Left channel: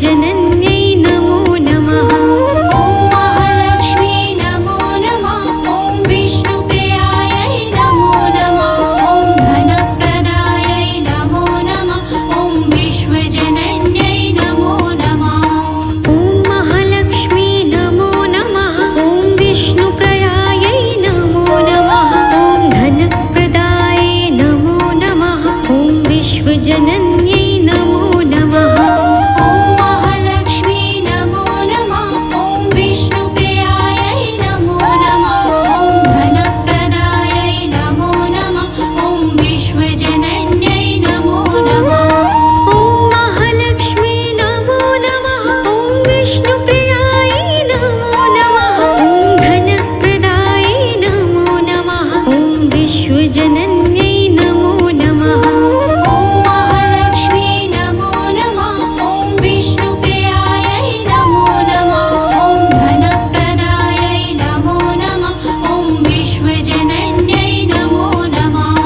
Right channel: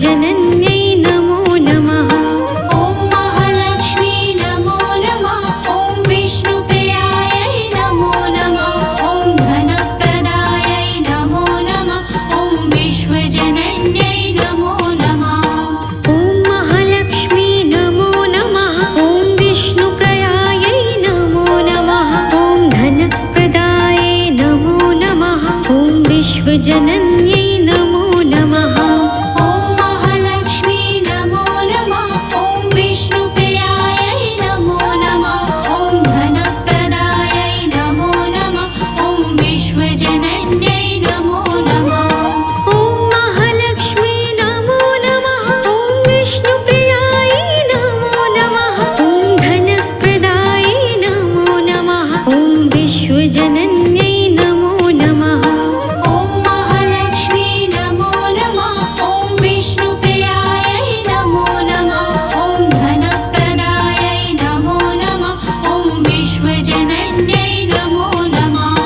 विश्वजनन्यै नमो नमः। ॐ महालक्ष्मी नमो नमः। ॐ विष्णुप्रियायै नमो नमः। ॐ धनप्रदायै नमो नमः। ॐ विश्वजनन्यै नमो नमः। ॐ महालक्ष्मी नमो नमः। ॐ विष्णुप्रियायै नमो नमः। ॐ धनप्रदायै नमो नमः। ॐ विश्वजनन्यै नमो नमः। ॐ महालक्ष्मी नमो नमः। ॐ विष्णुप्रियायै नमो नमः। ॐ धनप्रदायै नमो नमः। ॐ विश्वजनन्यै नमो नमः। ॐ महालक्ष्मी नमो नमः। ॐ विष्णुप्रियायै नमो नमः। ॐ धनप्रदायै नमो नमः। ॐ विश्वजनन्यै नमो नमः। ॐ महालक्ष्मी नमो नमः। ॐ विष्णुप्रियायै नमो नमः। ॐ धनप्रदायै नमो नमः। ॐ विश्वजनन्यै नमो नमः।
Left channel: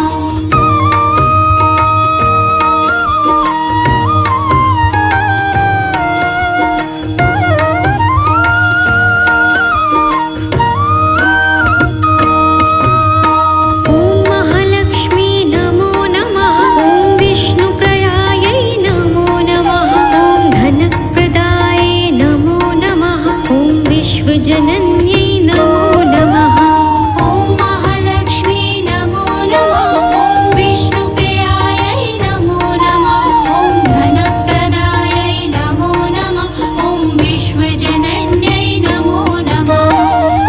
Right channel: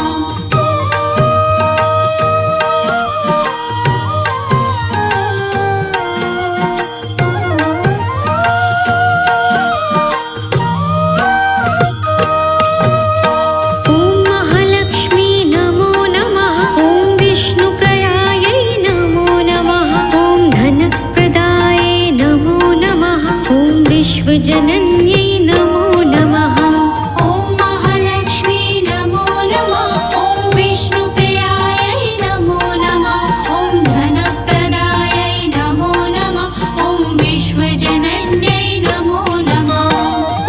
ॐ महालक्ष्मी नमो नमः। ॐ विष्णुप्रियायै नमो नमः। ॐ धनप्रदायै नमो नमः। ॐ विश्वजनन्यै नमो नमः। ॐ महालक्ष्मी नमो नमः। ॐ विष्णुप्रियायै नमो नमः। ॐ धनप्रदायै नमो नमः। ॐ विश्वजनन्यै नमो नमः।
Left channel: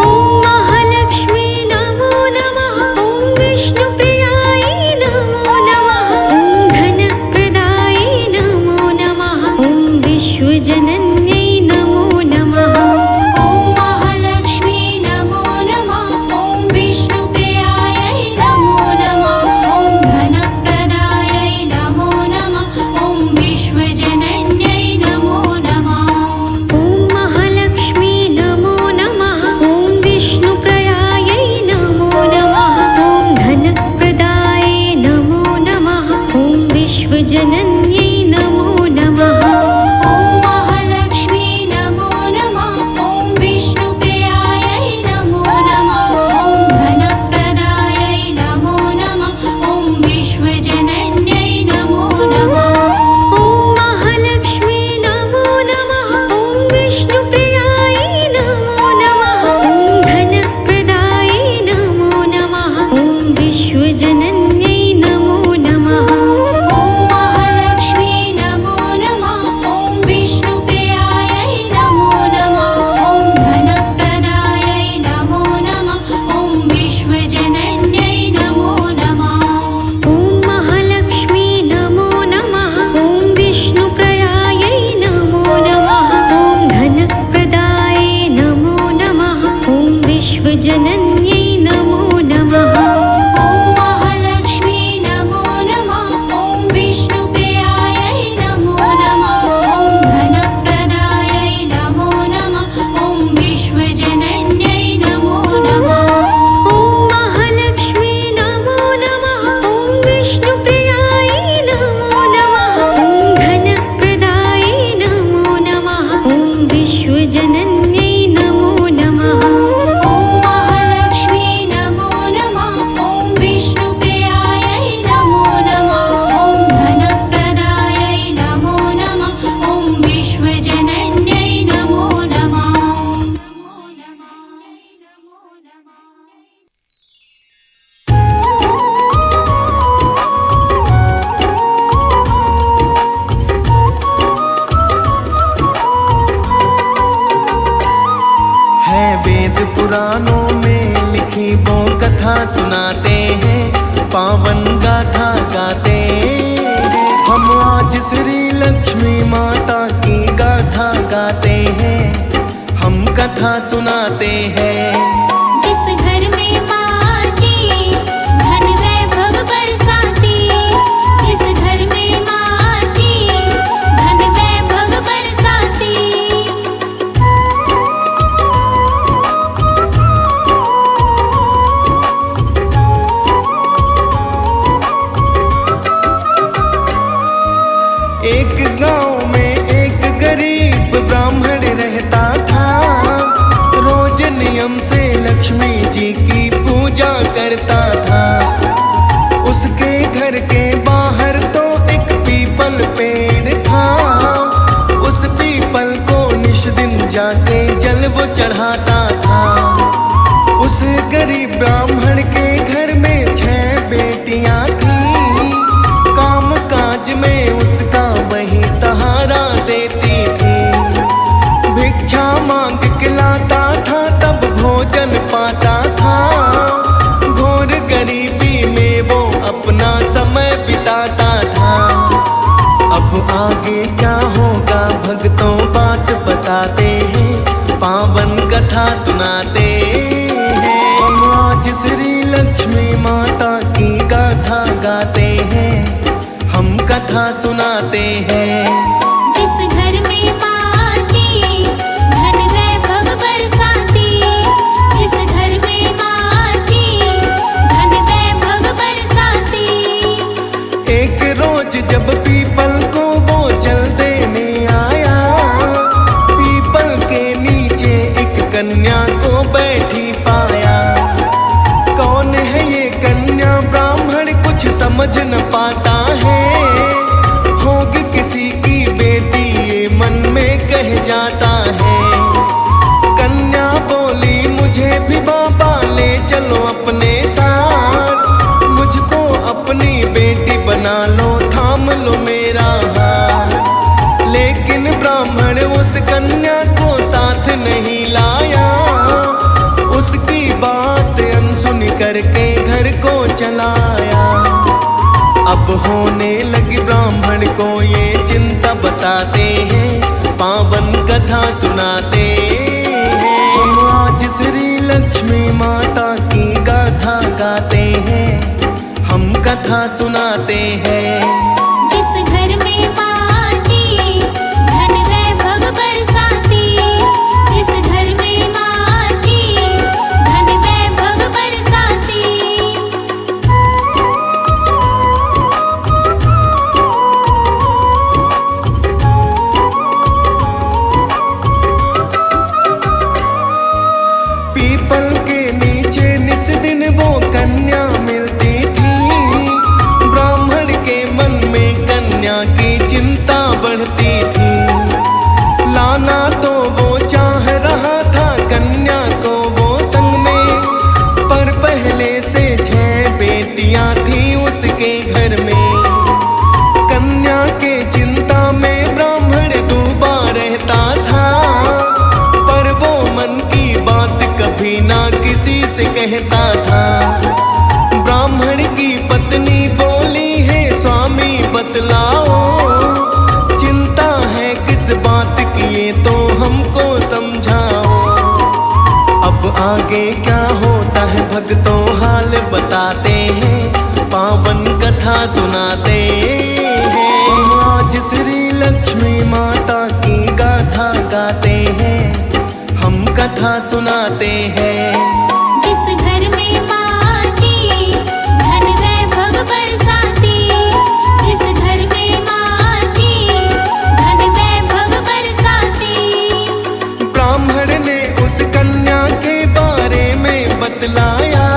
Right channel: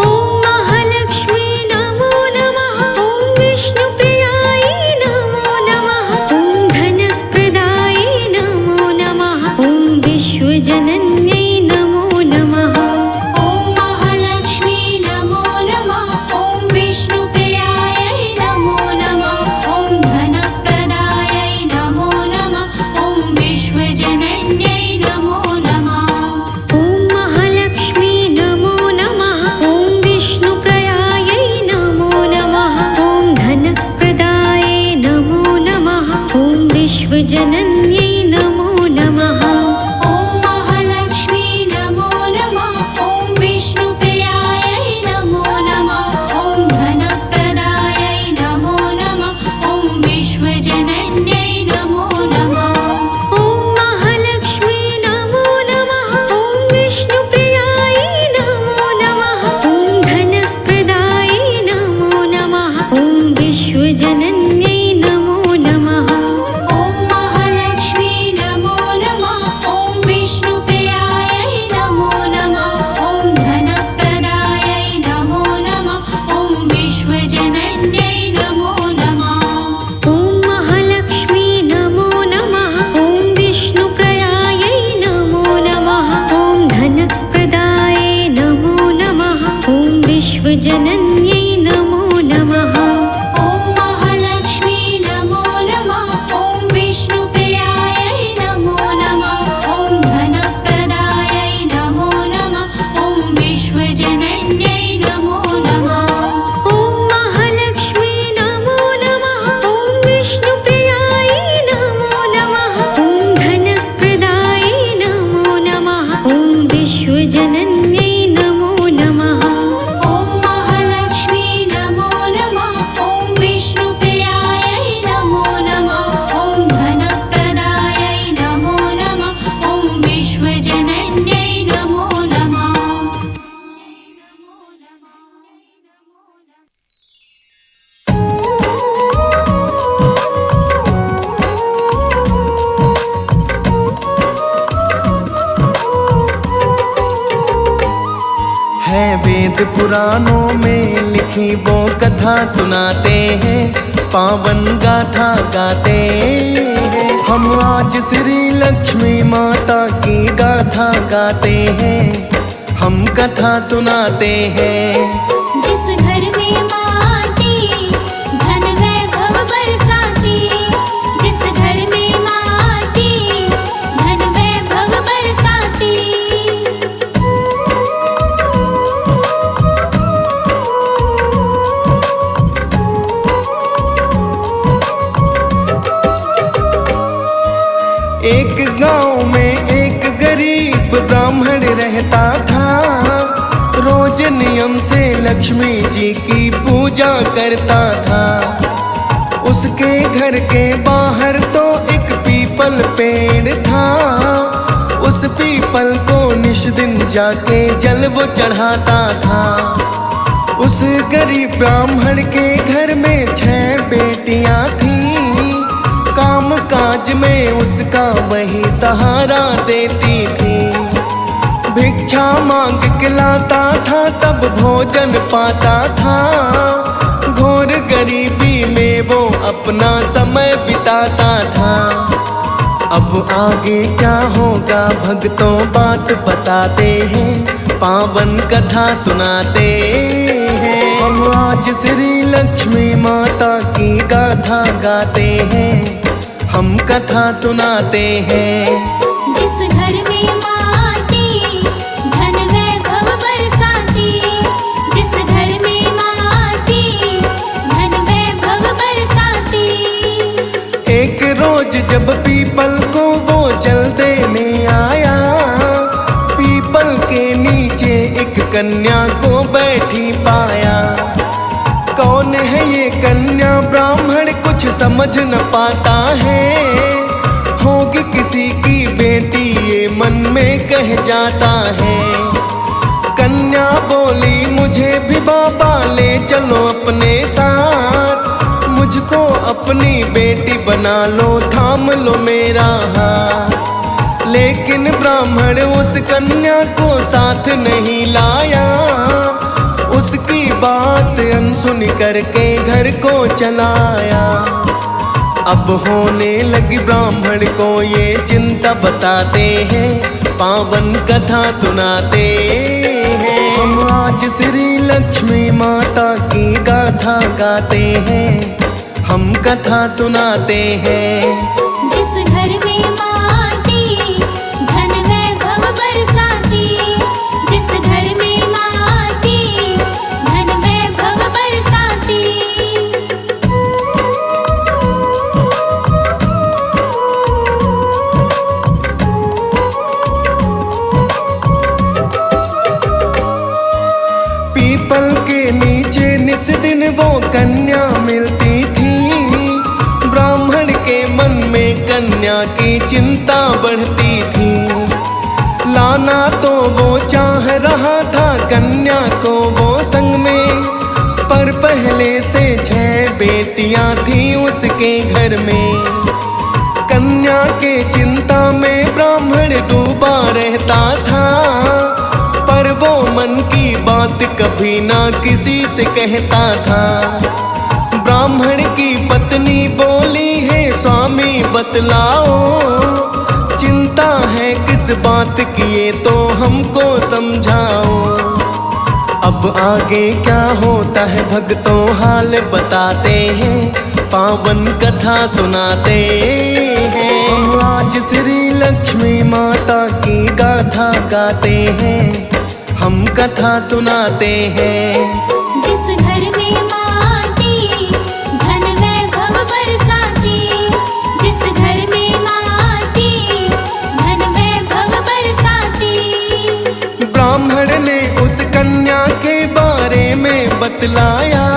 ॐ महालक्ष्मी नमो नमः। ॐ विष्णुप्रियायै नमो नमः। ॐ धनप्रदायै नमो नमः। ॐ विश्वजनन्यै नमो नमः। ॐ महालक्ष्मी नमो नमः। ॐ विष्णुप्रियायै नमो नमः। ॐ धनप्रदायै नमो नमः। ॐ विश्वजनन्यै नमो नमः। ॐ महालक्ष्मी नमो नमः। ॐ विष्णुप्रियायै नमो नमः। ॐ धनप्रदायै नमो नमः। ॐ विश्वजनन्यै नमो नमः। ॐ महालक्ष्मी नमो नमः। ॐ विष्णुप्रियायै नमो नमः। ॐ धनप्रदायै नमो नमः। ॐ विश्वजनन्यै नमो नमः। ॐ महालक्ष्मी नमो नमः। ॐ विष्णुप्रियायै नमो नमः। ॐ धनप्रदायै नमो नमः। ॐ विश्वजनन्यै नमो नमः। ॐ महालक्ष्मी नमो नमः। ॐ विष्णुप्रियायै नमो नमः। ॐ धनप्रदायै नमो नमः। ॐ विश्वजनन्यै नमो नमः। ॐ महालक्ष्मी नमो नमः। ॐ विष्णुप्रियायै नमो नमः। ॐ धनप्रदायै नमो नमः। ॐ विश्वजनन्यै नमो नमः। ॐ महालक्ष्मी नमो नमः। ॐ विष्णुप्रियायै नमो नमः। ॐ धनप्रदायै नमो नमः। ॐ विश्वजनन्यै नमो नमः। ॐ महालक्ष्मी नमो नमः। ॐ विष्णुप्रियायै नमो नमः। ॐ धनप्रदायै नमो नमः। ॐ विश्वजनन्यै नमो नमः। ॐ महालक्ष्मी नमो नमः। ॐ विष्णुप्रियायै नमो नमः। ॐ धनप्रदायै नमो नमः। ॐ विश्वजनन्यै नमो नमः। है वेद पुराणों में लिखी वो कथा सुनाते हैं, पावन गाथा गाते हैं। हम आज श्री लक्ष्मी माता की गाथा गाते हैं, हम कथा सुनाते हैं। जिस घर में माँ आती धन वैभव बरसाती। जिस घर में माँ आती धन वैभव बरसाती। एक गांव में एक गरीब गरीब ब्राह्मण रहता था, रोज नियम से लक्ष्मी जी की पूजा करता था। उसके घर के बाहर तो एक पीपल पेड़ था, उस पीपल को निश दिन जाके जल वो चढ़ाता था। उस गरीब ब्राह्मण के घर में 6 बेटियां थीं, काम काज में उसका वही सहारा देती थी। भिक्षा मांग के लाता था तब भोजन पाता था, घोर गरीबी में वो अपना समय बिताता था। अब आगे क्या होगा भक्तों बात बताते हैं, पावन कथा सुनाते हैं। हम आज श्री लक्ष्मी माता की गाथा गाते हैं, हम कथा सुनाते हैं। जिस घर में माँ आती, धन वैभव बरसाती। जिस घर में माँ आती, धन वैभव बरसाती। एक रोज जब पीपल को वो जल देने आया, पीपल के नीचे एक कन्या को बैठी पाया। कौन है ये कन्या ब्राह्मण कुछ समझ न पाता है, होगी किसी की बेटी ये मन में कह जाता है। कन्या बोली मुझे भी बाबा ले चलो अपने साथ, मुझको अपनी बेटी बना लो थाम लो मेरा हाथ। लेकिन ब्राह्मण उस कन्या को साथ नहीं लाया, उसकी बात अनसुनी करके घर को चलाया। अब होने लगी ब्राह्मण को ये चिंता बताते हैं, पावन कथा सुनाते हैं। हम आज श्री लक्ष्मी माता की गाथा गाते हैं, हम कथा सुनाते हैं। जिस घर में माँ आती, धन वैभव बरसाती। जिस घर में माँ आती, धन वैभव बरसाती। पीपल के नीचे निस दिन वो कन्या मिलती थी, ब्राह्मण के मन में कन्या की चिंता बढ़ती थी। लाना तो वो चाह रहा था कन्या को वो संग में, पर पहले से 6 बेटियां थी उसके घर में। कन्या के चिंता में ब्राह्मण डूबा रहता था, पर वो मन की बात कभी ना किसी से कहता था। ब्राह्मण की पत्नी बोली है स्वामी बतलाओ, चिंता है किस बात की ये तो हमको समझाओ। अब आगे क्या होता है भक्तों हाल बताते हैं, पावन कथा सुनाते हैं। हम आज श्री लक्ष्मी माता की गाथा गाते हैं, हम कथा सुनाते हैं। जिस घर में माँ आती, धन वैभव बरसाती। जिस घर में माँ आती, धन वैभव बरसाती। ब्राह्मण ने उस कन्या के बारे में बतलाया,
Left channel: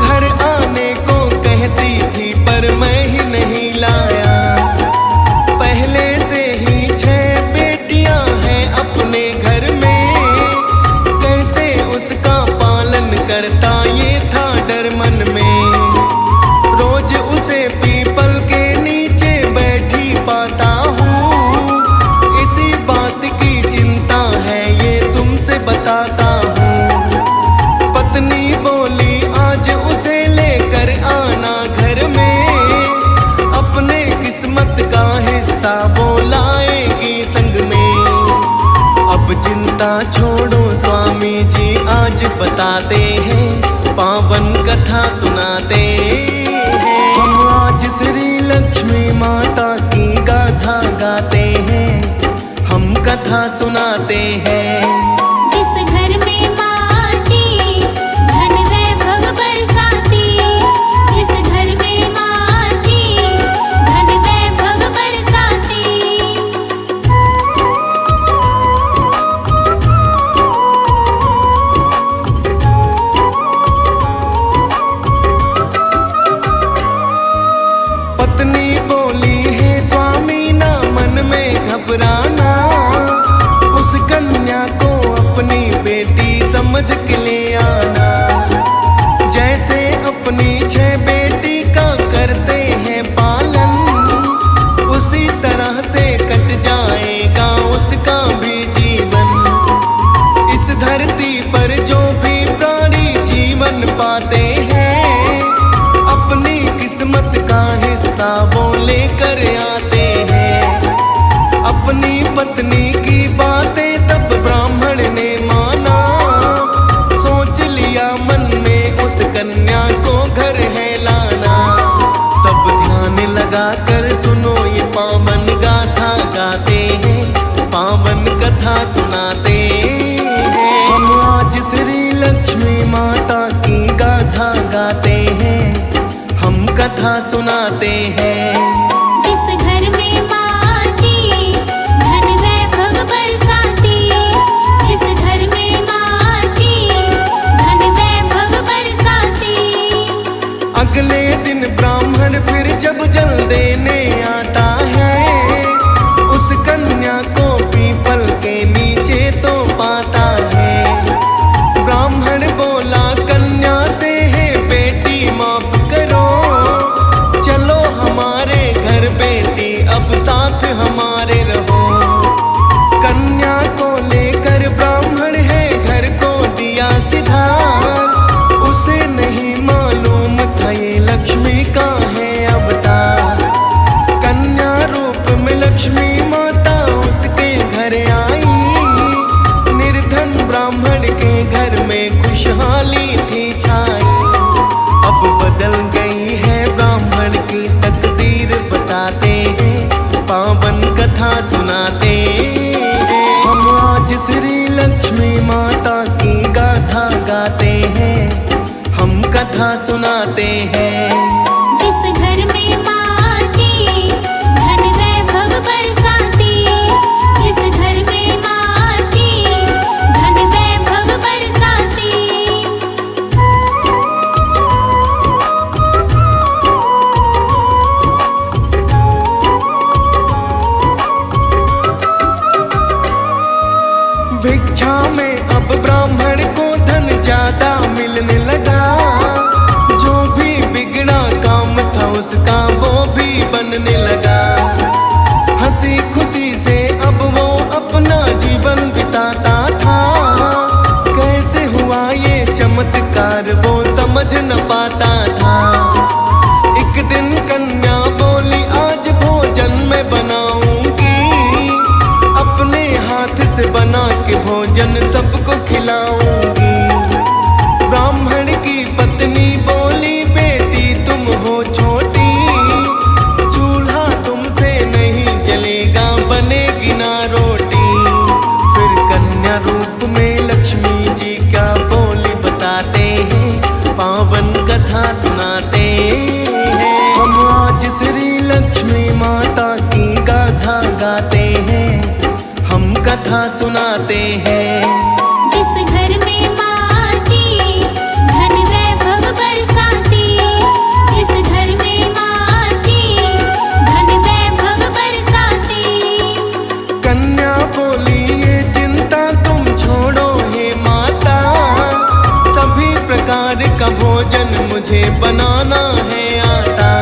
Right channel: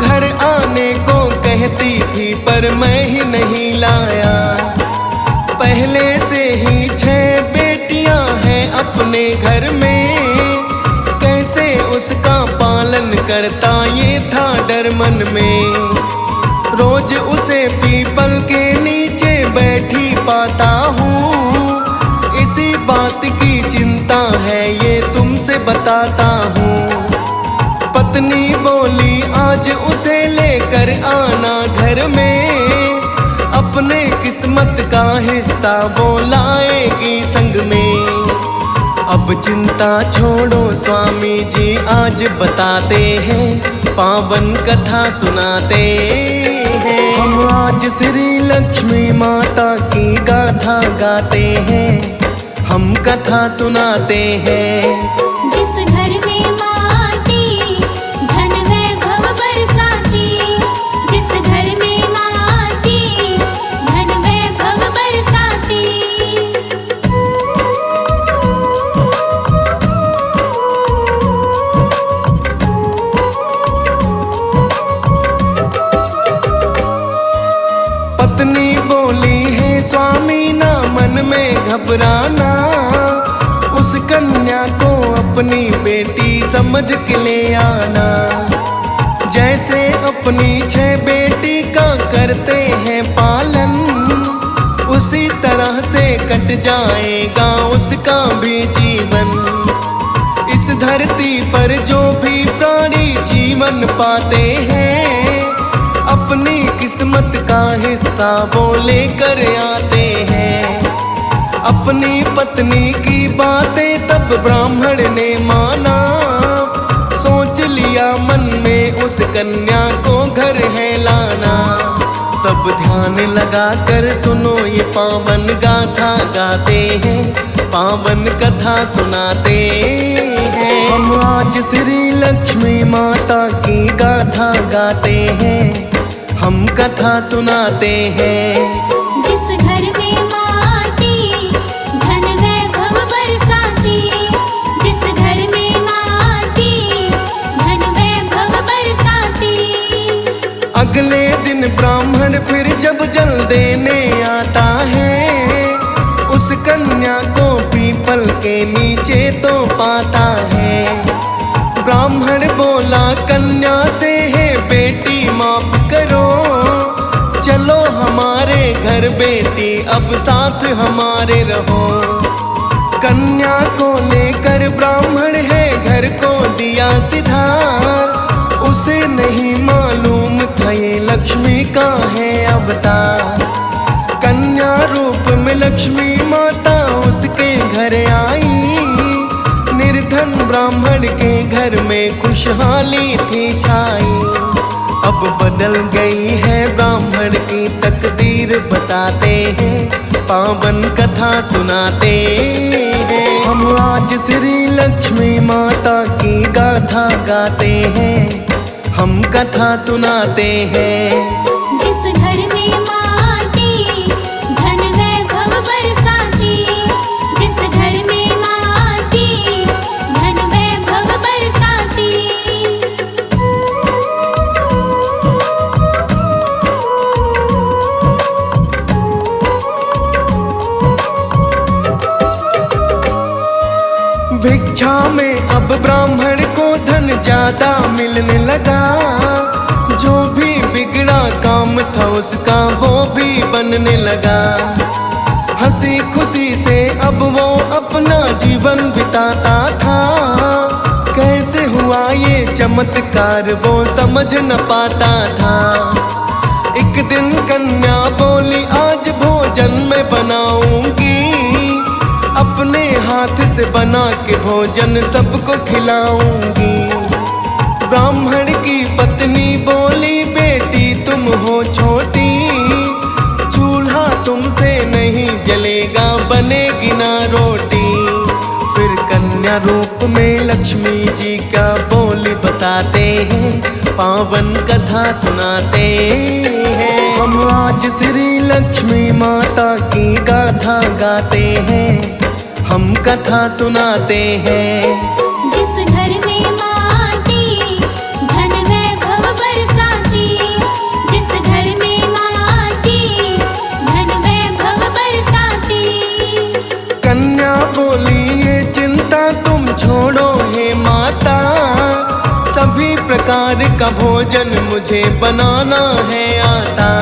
घर आने को कहती थी पर मैं ही नहीं लाया। पहले से ही 6 बेटियां हैं अपने घर में, कैसे उसका पालन करता ये था डर मन में। रोज उसे पीपल के नीचे बैठी पाता हूँ, इसी बात की चिंता है ये तुमसे बताता हूँ। पत्नी बोली आज उसे लेकर आना घर में, अपने किस्मत का हिस्सा वो लाएगी संग में। अब चिंता छोड़ो स्वामी जी आज बताते हैं, पावन कथा सुनाते हैं। हम आज श्री लक्ष्मी माता की गाथा गाते हैं, हम कथा सुनाते हैं। जिस घर में माँ आती, धन वैभव बरसाती। जिस घर में माँ आती, धन वैभव बरसाती। घबराना, उस कन्या को अपनी बेटी समझ के ले आना। जैसे अपनी 6 बेटी का करते हैं पालन, उसी तरह से कट जाएगा उसका भी जीवन। इस धरती पर जो भी प्राणी जीवन पाते हैं, अपनी किस्मत का हिस्सा वो लेकर आते हैं। अपनी पत्नी की बातें तब ब्राह्मण ने माना, सोच लिया मन में उस कन्या को घर है लाना। सब ध्यान लगा कर सुनो ये पावन गाथा गाते हैं, पावन कथा सुनाते हैं। हम आज श्री लक्ष्मी माता की गाथा गाते हैं, हम कथा सुनाते हैं। जिस घर में माँ आती, धन वैभव बरसाती। जिस घर में माँ आती, धन वैभव बरसाती। अगले दिन ब्राह्मण फिर जब जल देने आता है, उस कन्या को पीपल के नीचे तो पाता है। ब्राह्मण बोला कन्या से, है बेटी माफ करो, चलो हमारे घर बेटी अब साथ हमारे रहो। कन्या को लेकर ब्राह्मण है घर को दिया सिधार, उसे नहीं मालूम था ये लक्ष्मी का है अवतार। कन्या रूप में लक्ष्मी माता उसके घर आई, निर्धन ब्राह्मण के घर में खुशहाली थी छाई। अब बदल गई है ब्राह्मण की तकदीर बताते हैं, पावन कथा सुनाते हैं। हम आज श्री लक्ष्मी माता की गाथा गाते हैं, हम कथा सुनाते हैं। जिस घर में माँ आती, धन वैभव बरसाती। जिस घर में माँ आती, धन वैभव बरसाती। भिक्षा में अब ब्राह्मण को धन ज्यादा मिलने लगा, जो भी बिगड़ा काम था उसका वो भी बनने लगा। हंसी खुशी से अब वो अपना जीवन बिताता था, कैसे हुआ ये चमत्कार वो समझ न पाता था। एक दिन कन्या बोली आज भोजन मैं बनाऊंगी, अपने हाथ से बना के भोजन सबको खिलाऊंगी। ब्राह्मण की पत्नी बोली बेटी तुम हो छोटी, चूल्हा तुमसे नहीं जलेगा बनेगी ना रोटी। फिर कन्या रूप में लक्ष्मी जी का बोली बताते हैं, पावन कथा सुनाते हैं। हम आज श्री लक्ष्मी माता की गाथा गाते हैं, हम कथा सुनाते हैं। जिस घर में माँ आती, धन वैभव बरसाती। जिस घर में माँ आती, धन वैभव बरसाती। कन्या बोली ये चिंता तुम छोड़ो हे माता, सभी प्रकार का भोजन मुझे बनाना है आता।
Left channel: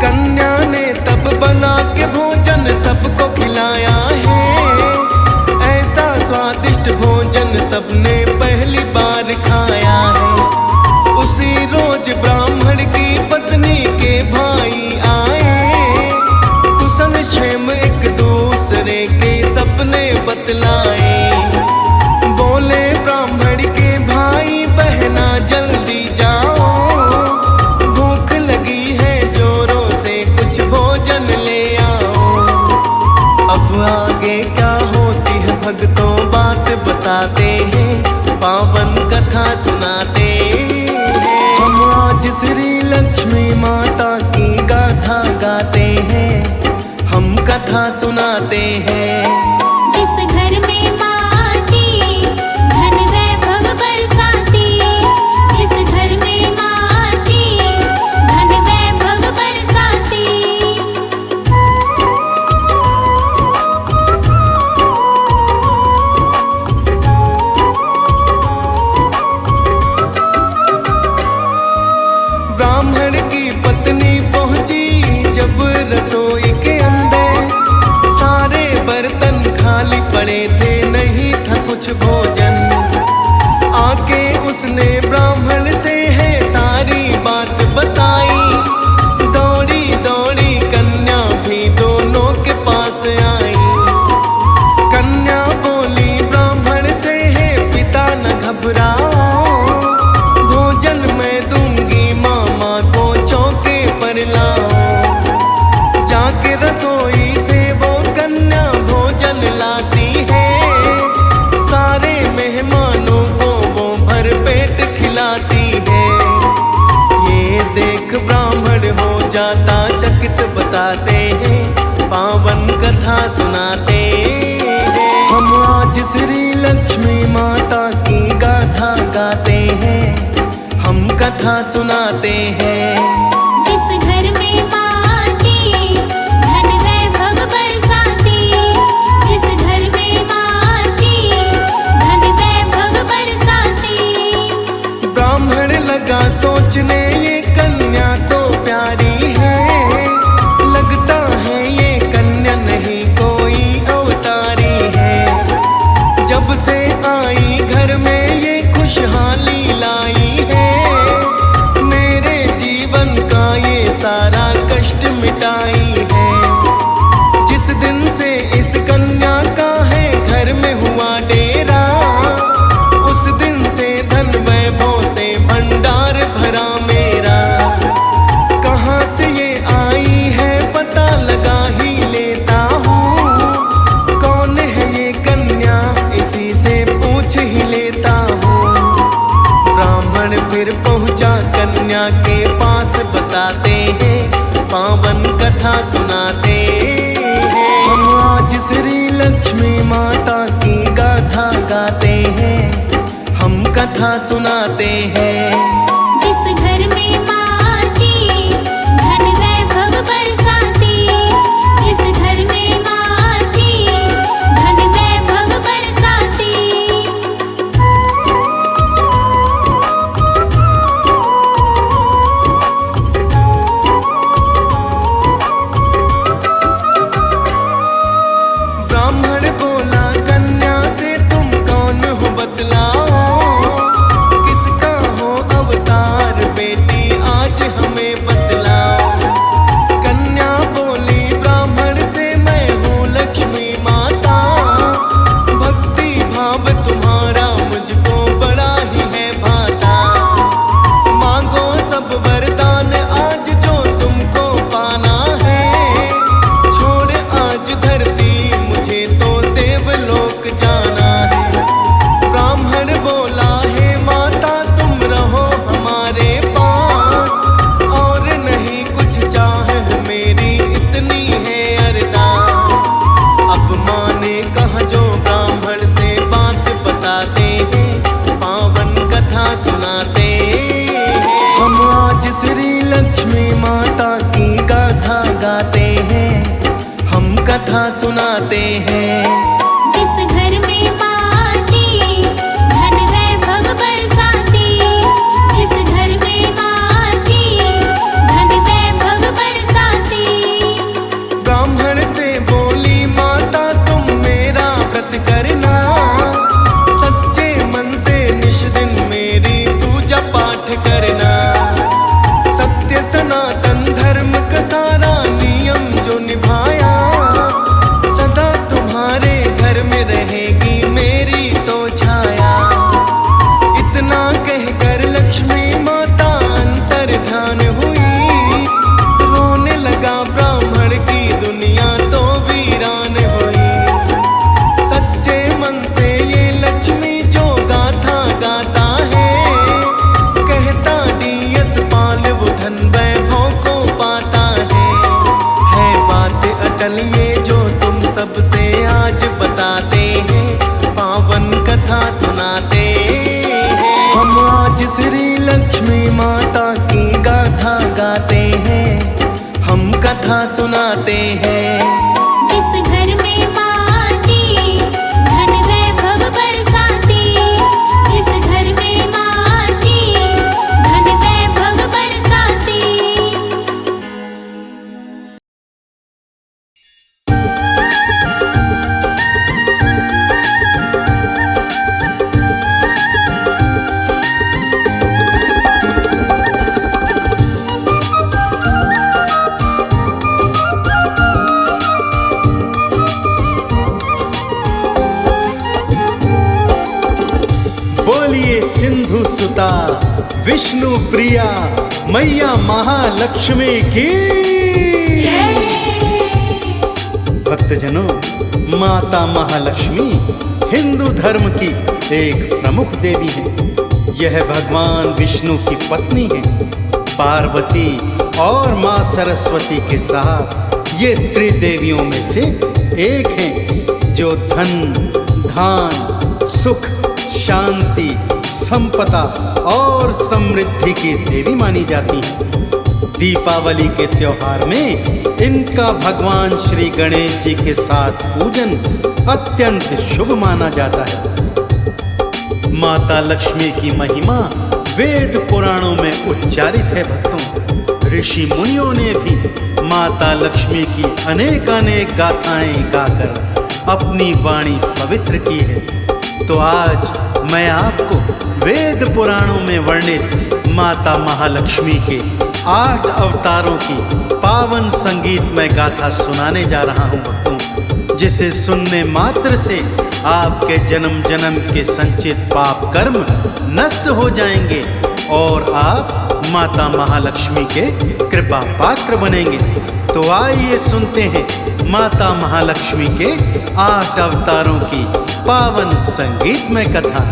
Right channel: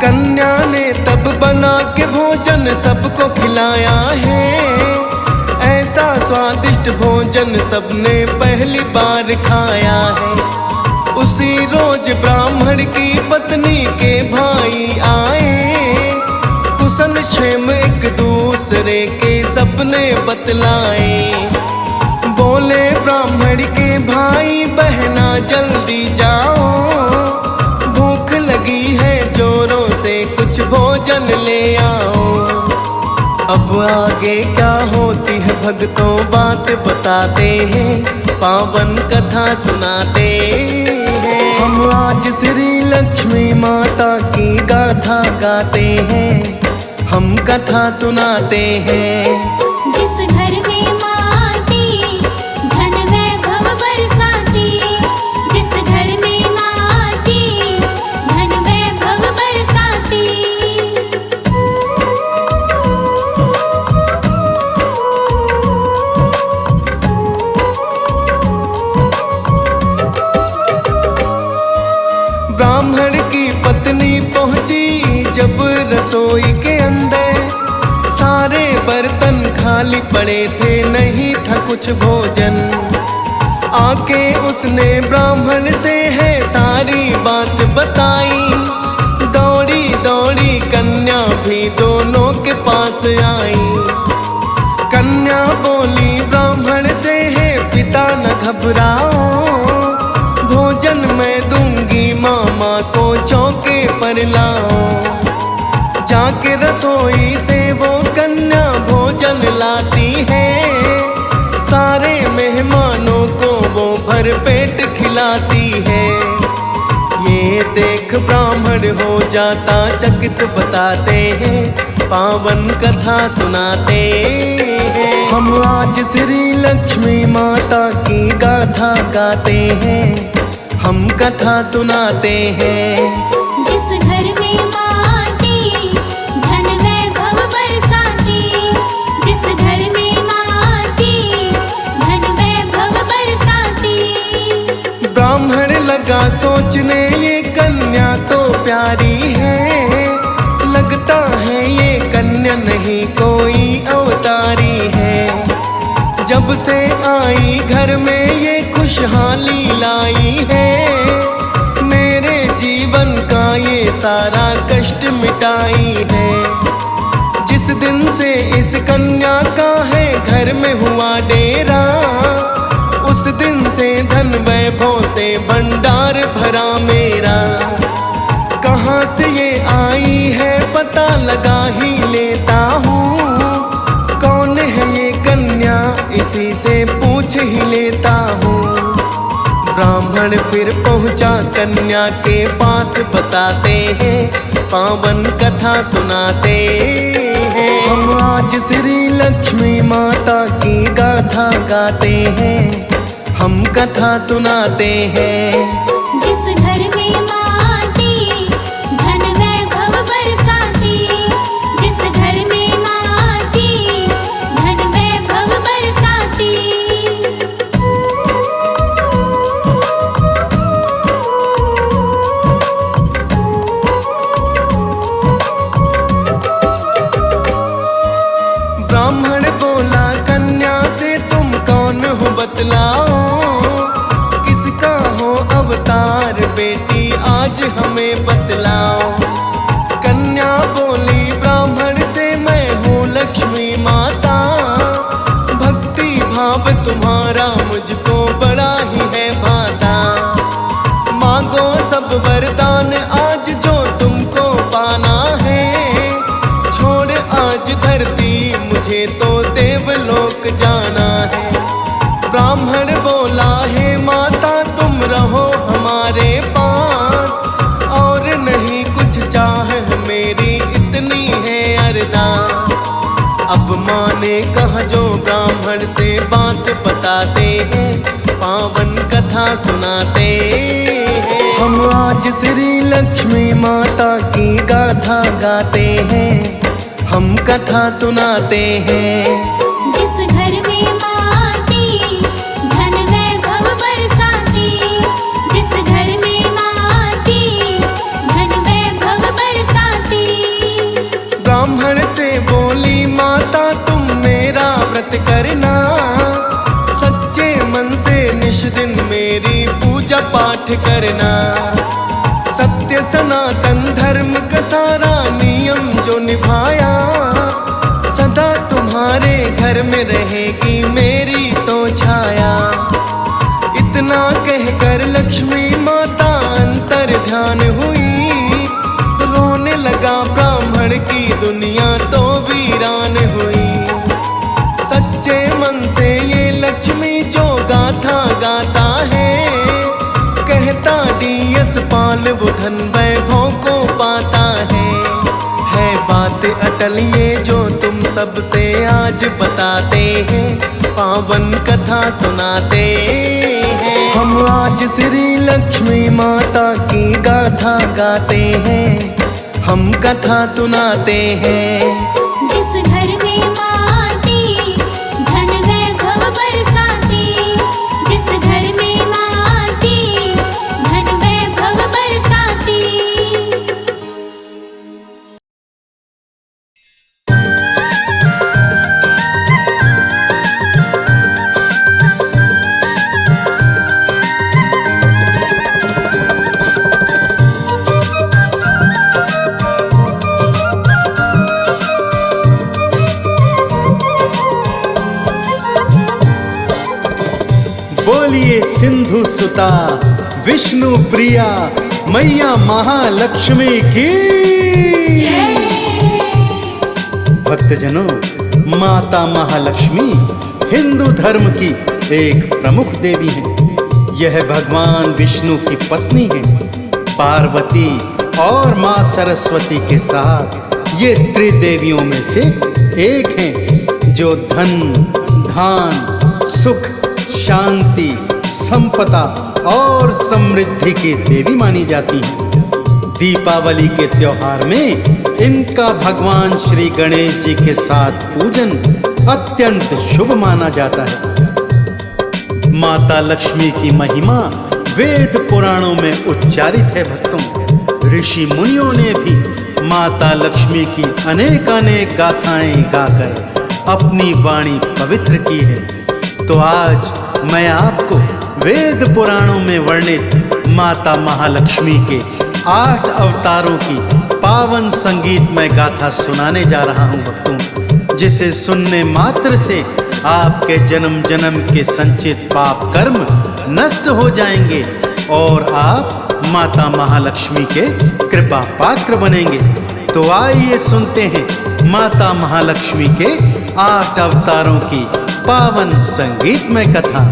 कन्या ने तब बना के भोजन सबको खिलाया है, ऐसा स्वादिष्ट भोजन सबने पहली बार खाया है। उसी रोज ब्राह्मण की पत्नी के भाई आए, कुशल क्षेम एक दूसरे के सपने बतलाए। बोले ब्राह्मण के भाई बहना जल्दी जाओ, भूख लगी है जोरों से कुछ भोजन ले आओ। अब आगे क्या होती है भक्तों बात बताते हैं, पावन कथा सुनाते हैं। हम आज श्री लक्ष्मी माता की गाथा गाते हैं, हम कथा सुनाते हैं। जिस घर में माँ आती, धन वैभव बरसाती। जिस घर में माँ आती, धन वैभव बरसाती। खाली पड़े थे, नहीं था कुछ भोजन। आके उसने ब्राह्मण से है सारी बात बताई। दौड़ी दौड़ी कन्या भी दोनों के पास आई। कन्या बोली ब्राह्मण से है पिता न घबराओ, भोजन मैं दूंगी मामा को चौके पर लाओ। जाके रसोई से वो कन्या भोजन लाती है, सारे मेहमानों को वो भर पेट खिलाती है। ये देख ब्राह्मण हो जाता चकित, बताते हैं पावन कथा सुनाते हैं। हम आज श्री लक्ष्मी माता की गाथा गाते हैं, हम कथा सुनाते हैं। जिस घर में माँ आती, धन वैभव बरसाती। जिस घर में माँ आती, धन वैभव बरसाती। ब्राह्मण लगा सोचने ये कन्या तो प्यारी है, लगता है ये कन्या नहीं कोई अवतारी है। जब से आई घर में ये खुशहाली लाई है, मेरे जीवन का ये सारा कष्ट मिटाई है। जिस दिन से इस कन्या का है घर में हुआ डेरा, उस दिन से धन वैभव से भंडार भरा मेरा। कहाँ से ये आई है पता लगा ही लेता हूँ, कौन है ये कन्या इसी से पूछ ही लेता हूँ। ब्राह्मण फिर पहुँचा कन्या के पास, बताते हैं पावन कथा सुनाते हैं। हम आज श्री लक्ष्मी माता की गाथा गाते हैं, हम कथा सुनाते हैं। जिस घर में माँ आती, धन वैभव बरसाती। जिस घर में माँ आती, धन वैभव बरसाती। ब्राह्मण बोला कन्या से तुम कौन हो बतलाओ, किसका हो अवतार बेटी आज हमें बतलाओ। कन्या बोली ब्राह्मण से मैं हूँ लक्ष्मी माता, भक्ति भाव तुम्हारा मुझको बड़ा ही है भाता। मांगो सब वरदान आज जो तुमको पाना है, छोड़ आज धरती मुझे तो देवलोक जाना है। ब्राह्मण बोला हे माता तुम रहो हमारे पास, और नहीं कुछ चाह मेरी इतनी है अरदास। अब माँ ने कहा जो ब्राह्मण से बात बताते हैं, पावन कथा सुनाते हैं। हम आज श्री लक्ष्मी माता की गाथा गाते हैं, हम कथा सुनाते हैं। जिस घर में माँ आती, धन वैभव बरसाती। जिस घर में माँ आती, धन वैभव बरसाती। ब्राह्मण से बोली माता तुम मेरा व्रत करना, सच्चे मन से निश दिन मेरी पूजा पाठ करना। सत्य सनातन धर्म का सारा नियम जो निभाया, सदा तुम्हारे घर में रहेगी मेरी तो छाया। इतना कहकर लक्ष्मी माता अंतर ध्यान हुई, रोने लगा ब्राह्मण की दुनिया तो वीरान हुई। सच्चे मन से ये लक्ष्मी जो गाथा गाता है, कहता डीएस पाल वो धन वैभव को पाता है बात अटल ये जो तुम सबसे आज बताते हैं, पावन कथा सुनाते हैं। हम आज श्री लक्ष्मी माता की गाथा गाते हैं, हम कथा सुनाते हैं। जिस घर में माँ आती, धन वैभव बरसाती। जिस घर में माँ आती, धन वैभव बरसाती। बोलिए सिंधु सुता विष्णु प्रिया मैया महालक्ष्मी की। भक्तजनों, माता महालक्ष्मी हिंदू धर्म की एक प्रमुख देवी हैं। यह भगवान विष्णु की पत्नी हैं। पार्वती और मां सरस्वती के साथ ये त्रिदेवियों में से एक हैं जो धन, धान, सुख, शांति, संपदा और समृद्धि की देवी मानी जाती हैं। दीपावली के त्योहार में इनका भगवान श्री गणेश जी के साथ पूजन अत्यंत शुभ माना जाता है। माता लक्ष्मी की महिमा वेद पुराणों में उच्चारित है। भक्तों, ऋषि मुनियों ने भी माता लक्ष्मी की अनेकानेक गाथाएं गाकर अपनी वाणी पवित्र की है। तो आज मैं आपको वेद पुराणों में वर्णित माता महालक्ष्मी के 8 अवतारों की पावन संगीतमय गाथा सुनाने जा रहा हूं भक्तों, जिसे सुनने मात्र से आपके जन्म जन्म के संचित पाप कर्म नष्ट हो जाएंगे और आप माता महालक्ष्मी के कृपा पात्र बनेंगे। तो आइए सुनते हैं माता महालक्ष्मी के 8 अवतारों की पावन संगीतमय कथा।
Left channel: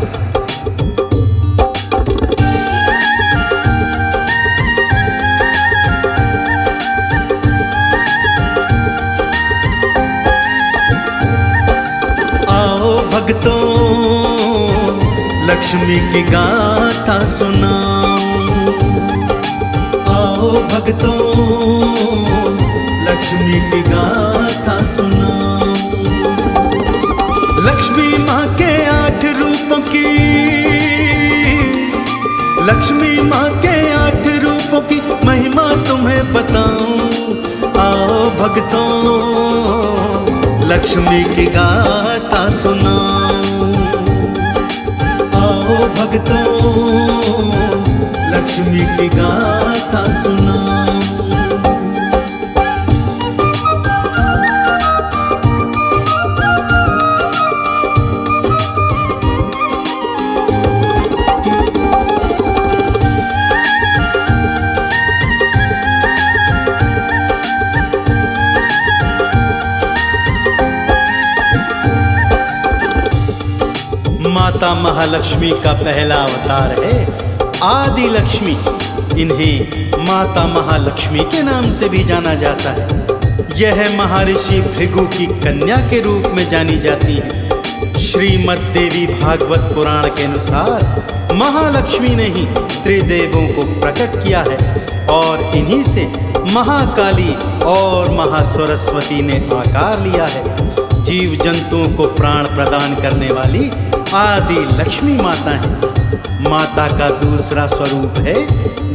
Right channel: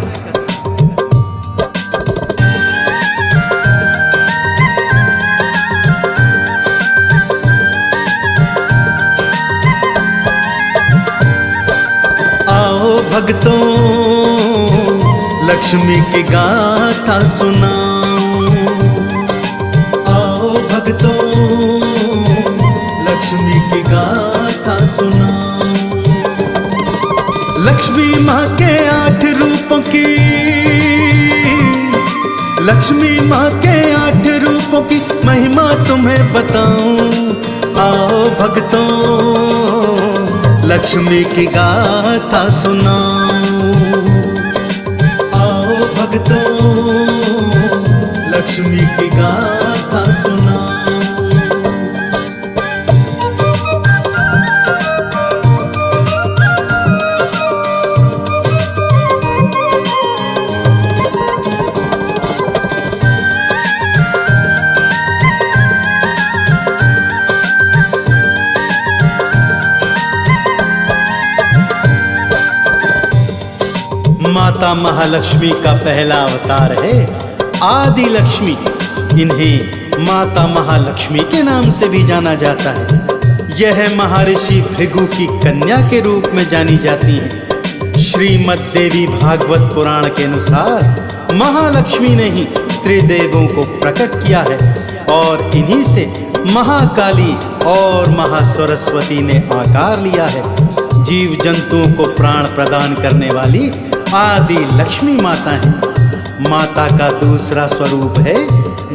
आओ भक्तों, लक्ष्मी की गाथा सुनाऊं। आओ भक्तों, लक्ष्मी की गाथा सुनाऊं। लक्ष्मी माँ के 8 रूपों की, लक्ष्मी माँ के 8 रूपों की महिमा तुम्हें बताऊं। आओ भक्तों, लक्ष्मी की गाथा सुनाऊं। आओ भक्तों, लक्ष्मी की गाथा सुनाऊं। माता महालक्ष्मी का पहला अवतार है आदि लक्ष्मी। इन्हें माता महालक्ष्मी के नाम से भी जाना जाता है। यह महर्षि भृगु की कन्या के रूप में जानी जाती हैं। श्रीमद् देवी भागवत पुराण के अनुसार महालक्ष्मी ने ही त्रिदेवों को प्रकट किया है और इन्हीं से महाकाली और महासरस्वती ने आकार लिया है। जीव जंतुओं को प्राण प्रदान करने वाली आदि लक्ष्मी माता है। माता का दूसरा स्वरूप है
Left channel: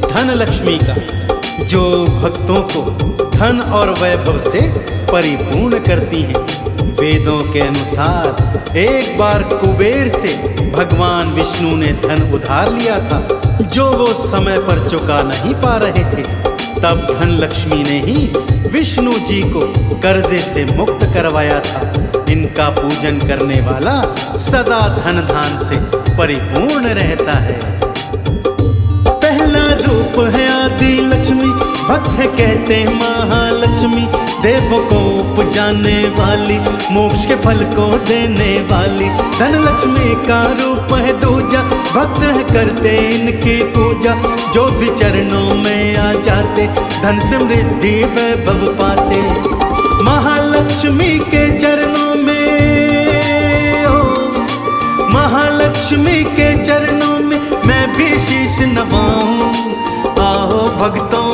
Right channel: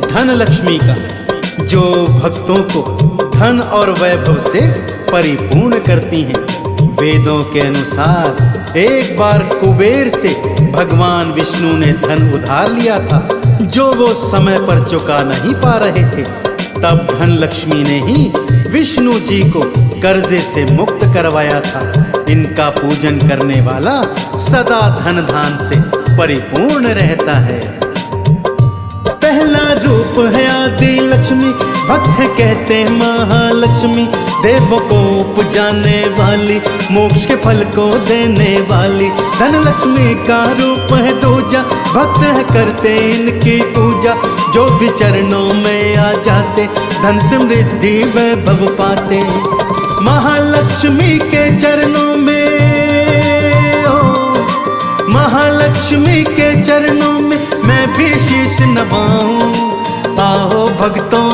धन लक्ष्मी का, जो भक्तों को धन और वैभव से परिपूर्ण करती हैं। वेदों के अनुसार एक बार कुबेर से भगवान विष्णु ने धन उधार लिया था, जो वो समय पर चुका नहीं पा रहे थे। तब धन लक्ष्मी ने ही विष्णु जी को कर्जे से मुक्त करवाया था। इनका पूजन करने वाला सदा धन धान से परिपूर्ण रहता है। पहला रूप है आदि लक्ष्मी, भक्त कहते महालक्ष्मी। देवों को उपजाने वाली, मोक्ष के फल को देने वाली। धन लक्ष्मी का रूप है दूजा, भक्त है करते इनकी पूजा। जो भी चरणों में आ जाते, धन समृद्धि वैभव पाते। महालक्ष्मी के चरणों में, ओ महालक्ष्मी के चरणों में मैं भी शीश नवाऊं। आओ भक्तों,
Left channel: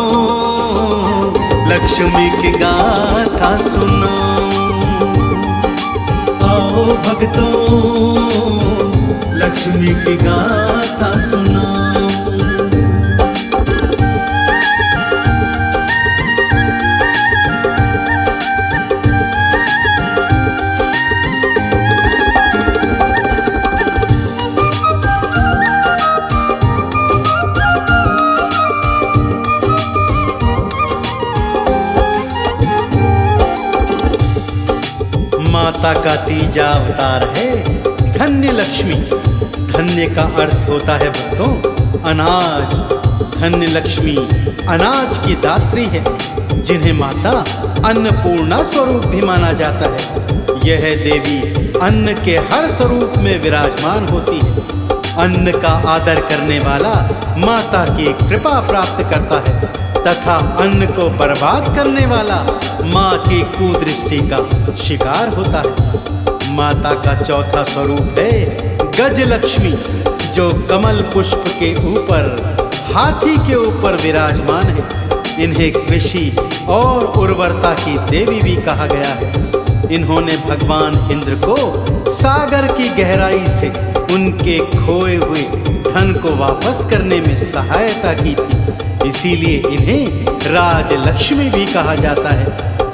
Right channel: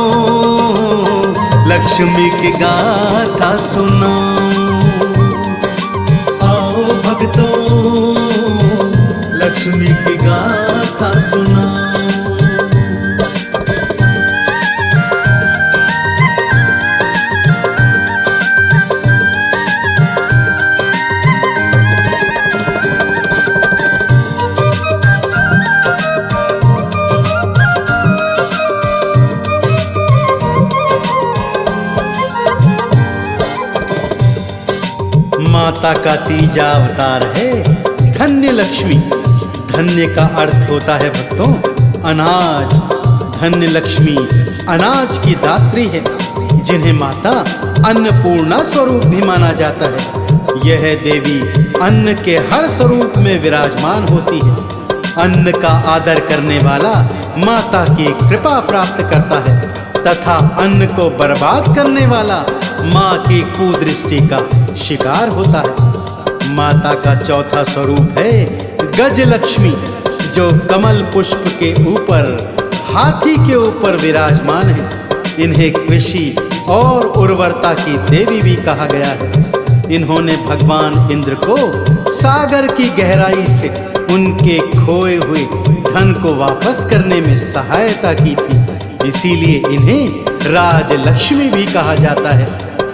लक्ष्मी की गाथा सुनाऊं। आओ भक्तों, लक्ष्मी की गाथा सुनाऊं। माता का तीजा अवतार है धन्य लक्ष्मी। धन्य का अर्थ होता है भक्तों अनाज। धन्य लक्ष्मी अनाज की दात्री है, जिन्हें माता अन्नपूर्णा स्वरूप भी माना जाता है। यह देवी अन्न के हर स्वरूप में विराजमान होती है। अन्न का आदर करने वाला माता की कृपा प्राप्त करता है तथा अन्न को बर्बाद करने वाला माँ की कुदृष्टि का शिकार होता है। माता का चौथा स्वरूप है गज लक्ष्मी, जो कमल पुष्प के ऊपर हाथी के ऊपर विराजमान है। इन्हें कृषि और उर्वरता की देवी भी कहा गया है। इन्होंने भगवान इंद्र को सागर की गहराई से उनके खोए हुए धन को वापस करने में सहायता की थी। इसीलिए इन्हें राजलक्ष्मी भी कहा जाता है,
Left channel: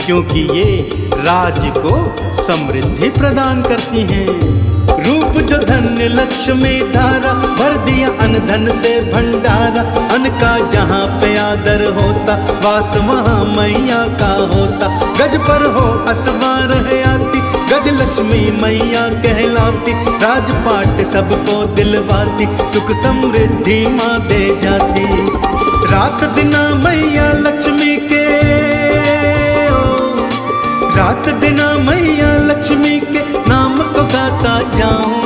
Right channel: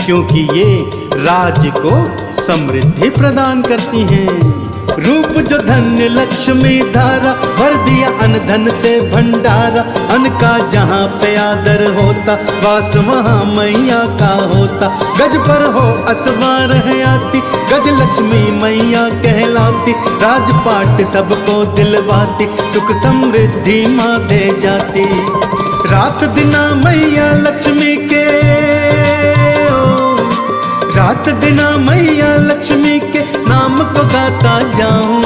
क्योंकि ये राज्य को समृद्धि प्रदान करती हैं। रूप जो धन्य लक्ष्मी धारा, भर दिया अन्न धन से भंडारा। अन्न का जहाँ पे आदर होता, वास वहाँ मैया का होता। गज पर हो असवार है आती, गज लक्ष्मी मैया कहलाती। राजपाट सबको दिलवाती, सुख समृद्धि माँ दे जाती। रात दिना मैया लक्ष्मी के, रात दिना मैया लक्ष्मी के नाम को गाता जाऊं।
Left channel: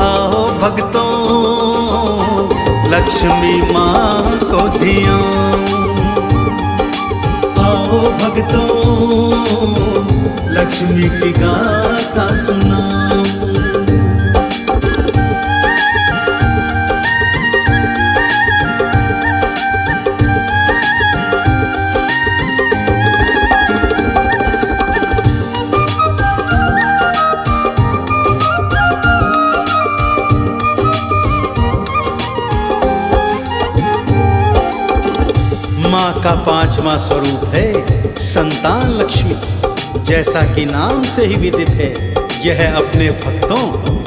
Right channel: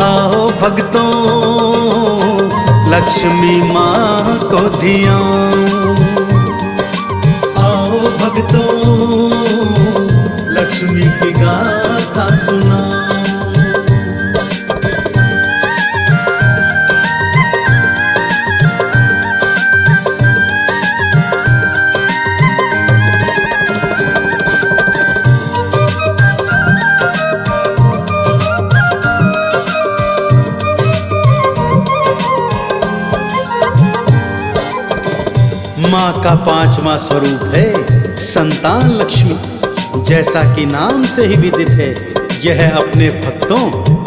आओ भक्तों लक्ष्मी माँ को धियाऊं। आओ भक्तों लक्ष्मी की गाथा सुनाऊं। माँ का पांचवा स्वरूप है संतान लक्ष्मी। जैसा कि नाम से ही विदित है, यह अपने भक्तों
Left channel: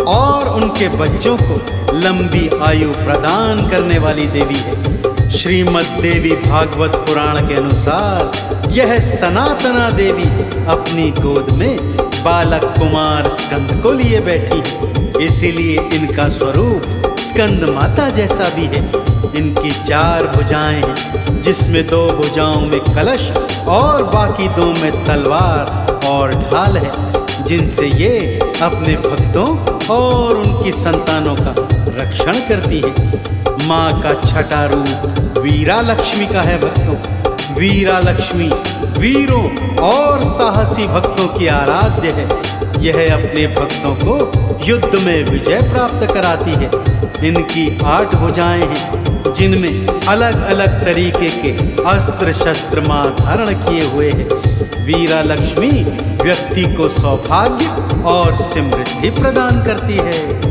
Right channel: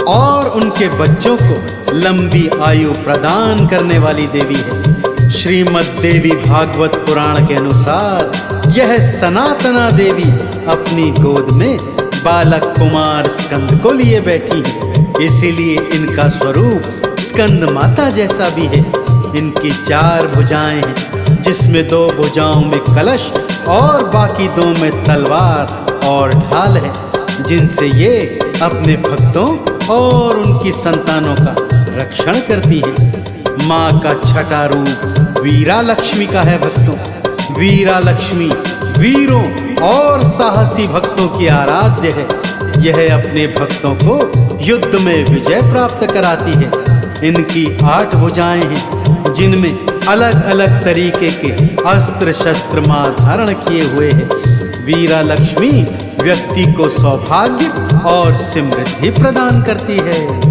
और उनके बच्चों को लंबी आयु प्रदान करने वाली देवी है। श्रीमद् देवी भागवत पुराण के अनुसार यह सनातना देवी अपनी गोद में बालक कुमार स्कंद को लिए बैठी है। इसीलिए इनका स्वरूप स्कंद माता जैसा भी है। इनकी 4 भुजाएं हैं, जिसमें 2 भुजाओं में कलश और बाकी 2 में तलवार और ढाल है, जिनसे ये अपने भक्तों और उनकी संतानों का रक्षण करती हैं। माँ का छठा रूप वीरा लक्ष्मी का है भक्तों। वीरा लक्ष्मी वीरों और साहसी भक्तों की आराध्य है। यह अपने भक्तों को युद्ध में विजय प्राप्त कराती है। इनकी 8 भुजाएं हैं, जिनमें अलग अलग तरीके के अस्त्र शस्त्र मां धारण किए हुए हैं। वीरा लक्ष्मी व्यक्ति को सौभाग्य और समृद्धि प्रदान करती है।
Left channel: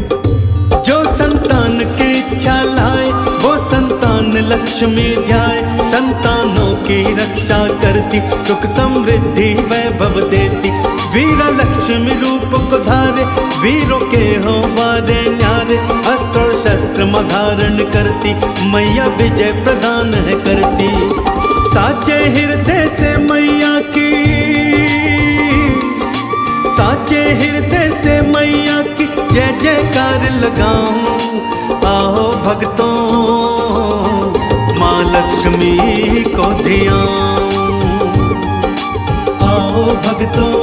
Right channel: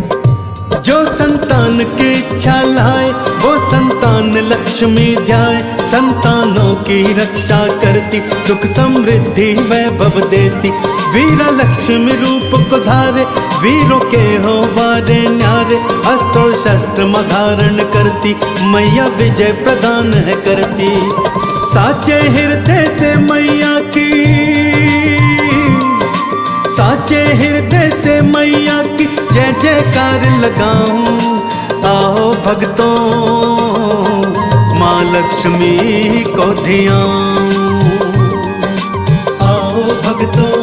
जो संतान की इच्छा लाए, वो संतान लक्ष्मी ध्याए। संतानों की रक्षा करती, सुख समृद्धि वैभव देती। वीरा लक्ष्मी रूप को धारे, वीरों के हो वारे न्यारे। अस्त्र और शस्त्र धारण करती, मैया विजय प्रदान है करती। साचे हृदय से मैया की, साचे हृदय से मैया की जय जयकार लगाऊं। आओ भक्तों माँ लक्ष्मी को धियाऊं। आओ भक्तों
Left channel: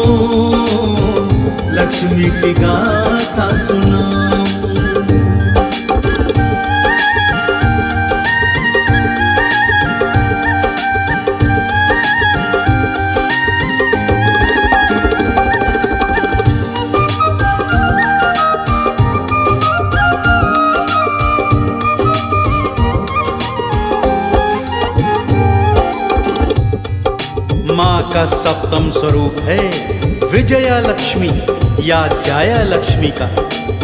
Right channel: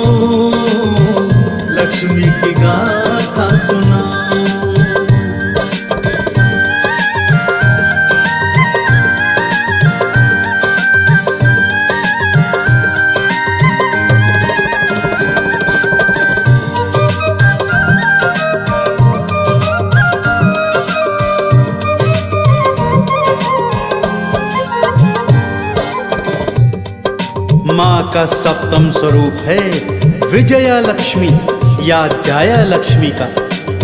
लक्ष्मी की गाथा सुनाऊं। माँ का 7वां स्वरूप है विजया लक्ष्मी या जाया लक्ष्मी का।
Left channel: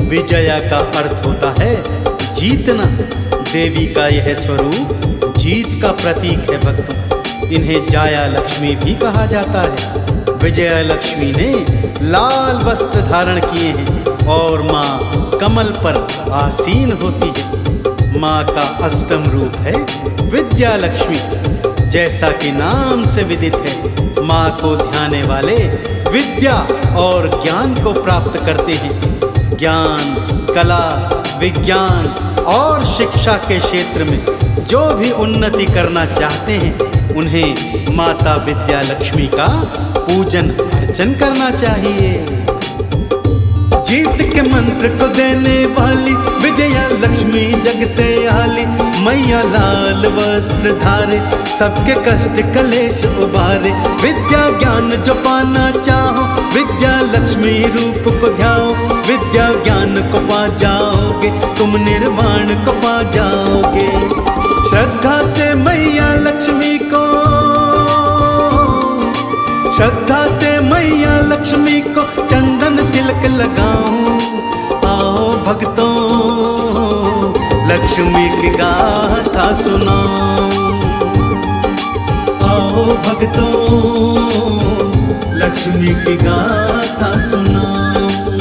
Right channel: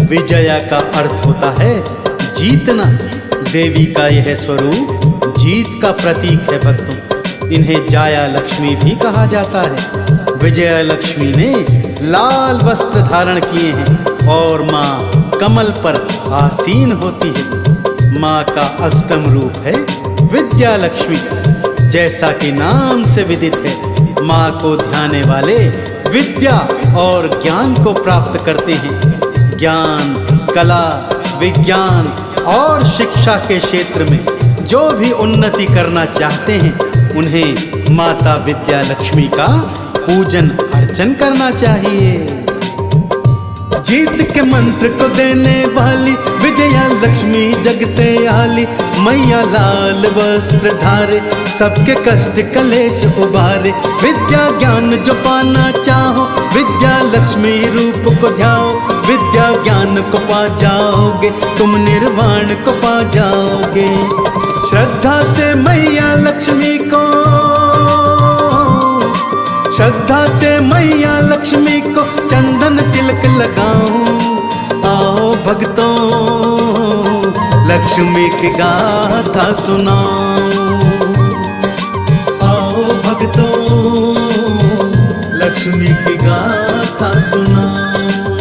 विजया का अर्थ होता है जीतना। देवी का यह स्वरूप जीत का प्रतीक है भक्तों। इन्हें जाया लक्ष्मी भी कहा जाता है। विजया लक्ष्मी ने लाल वस्त्र धारण किए हैं और माँ कमल पर आसीन होती है। माँ का 8वां रूप है विद्या लक्ष्मी। जैसा कि नाम से विदित है, माँ को ध्याने वाले विद्या और ज्ञान को प्राप्त करते हैं। ज्ञान, कला विज्ञान और शिक्षा के क्षेत्र में जो भी उन्नति करना चाहते हैं, उन्हें माता विद्या लक्ष्मी का पूजन अर्चन करना चाहिए। जीत के मंत्र को देने वाली विजया लक्ष्मी जग से आली, मैया लाल वस्त्र धारे, सबके कष्ट कलेश उबारे। विद्या ज्ञान जो पाना चाहो, विद्या लक्ष्मी रूप को ध्याओ। विद्या ज्ञान को पा जाओगे, तुम निर्वाण को पा जाओगे। श्रद्धा से मैया लक्ष्मी को, श्रद्धा से मैया लक्ष्मी को चंदन तिलक लगाऊं। आओ भक्तों लक्ष्मी की गाथा सुनाऊं। आओ भक्तों लक्ष्मी की गाथा सुनाऊं।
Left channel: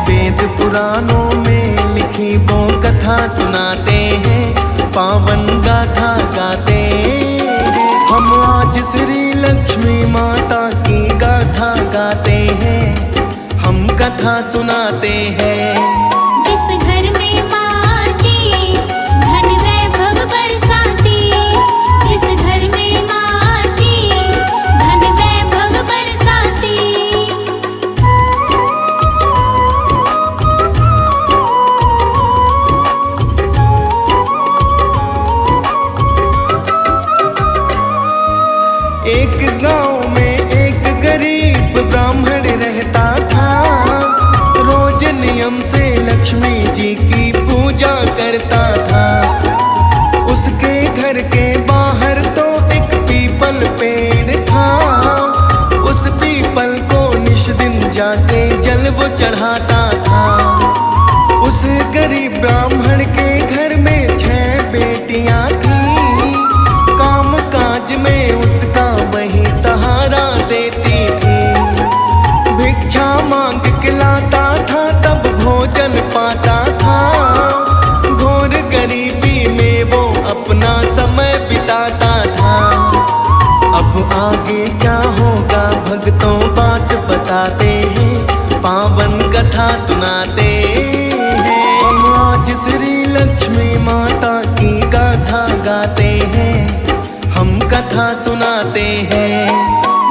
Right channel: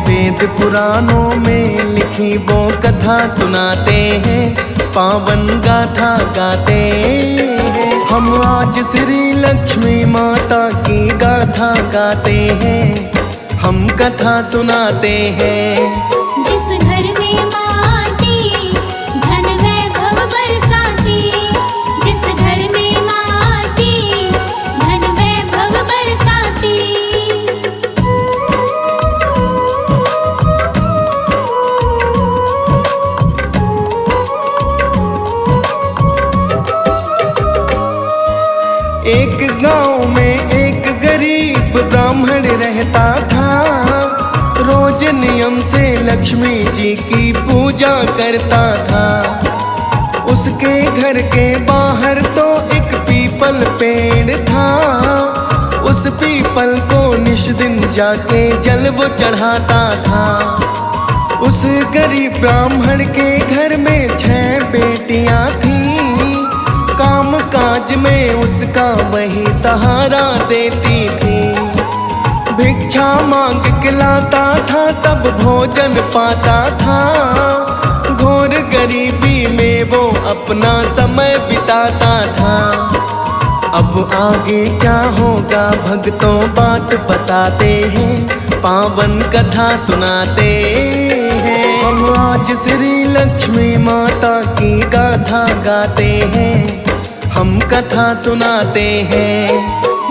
वेद पुराणों में लिखी वो कथा सुनाते हैं, पावन गाथा गाते हैं। हम आज श्री लक्ष्मी माता की गाथा गाते हैं, हम कथा सुनाते हैं। जिस घर में माँ आती, धन वैभव बरसाती। जिस घर में माँ आती, धन वैभव बरसाती। एक गांव में एक गरीब ब्राह्मण रहता था, रोज नियम से लक्ष्मी जी की पूजा करता था। उसके घर के बाहर तो एक पीपल पेड़ था, उस पीपल को निश दिन जाके जल वो चढ़ाता था। उस गरीब ब्राह्मण के घर में 6 बेटियां थीं, काम काज में उसका वही सहारा देती थी। भिक्षा मांग के लाता था तब भोजन पाता था, घोर गरीबी में वो अपना समय बिताता था। अब आगे क्या होगा भक्तों बात बताते हैं, पावन कथा सुनाते हैं। हम आज श्री लक्ष्मी माता की गाथा गाते हैं, हम कथा सुनाते हैं।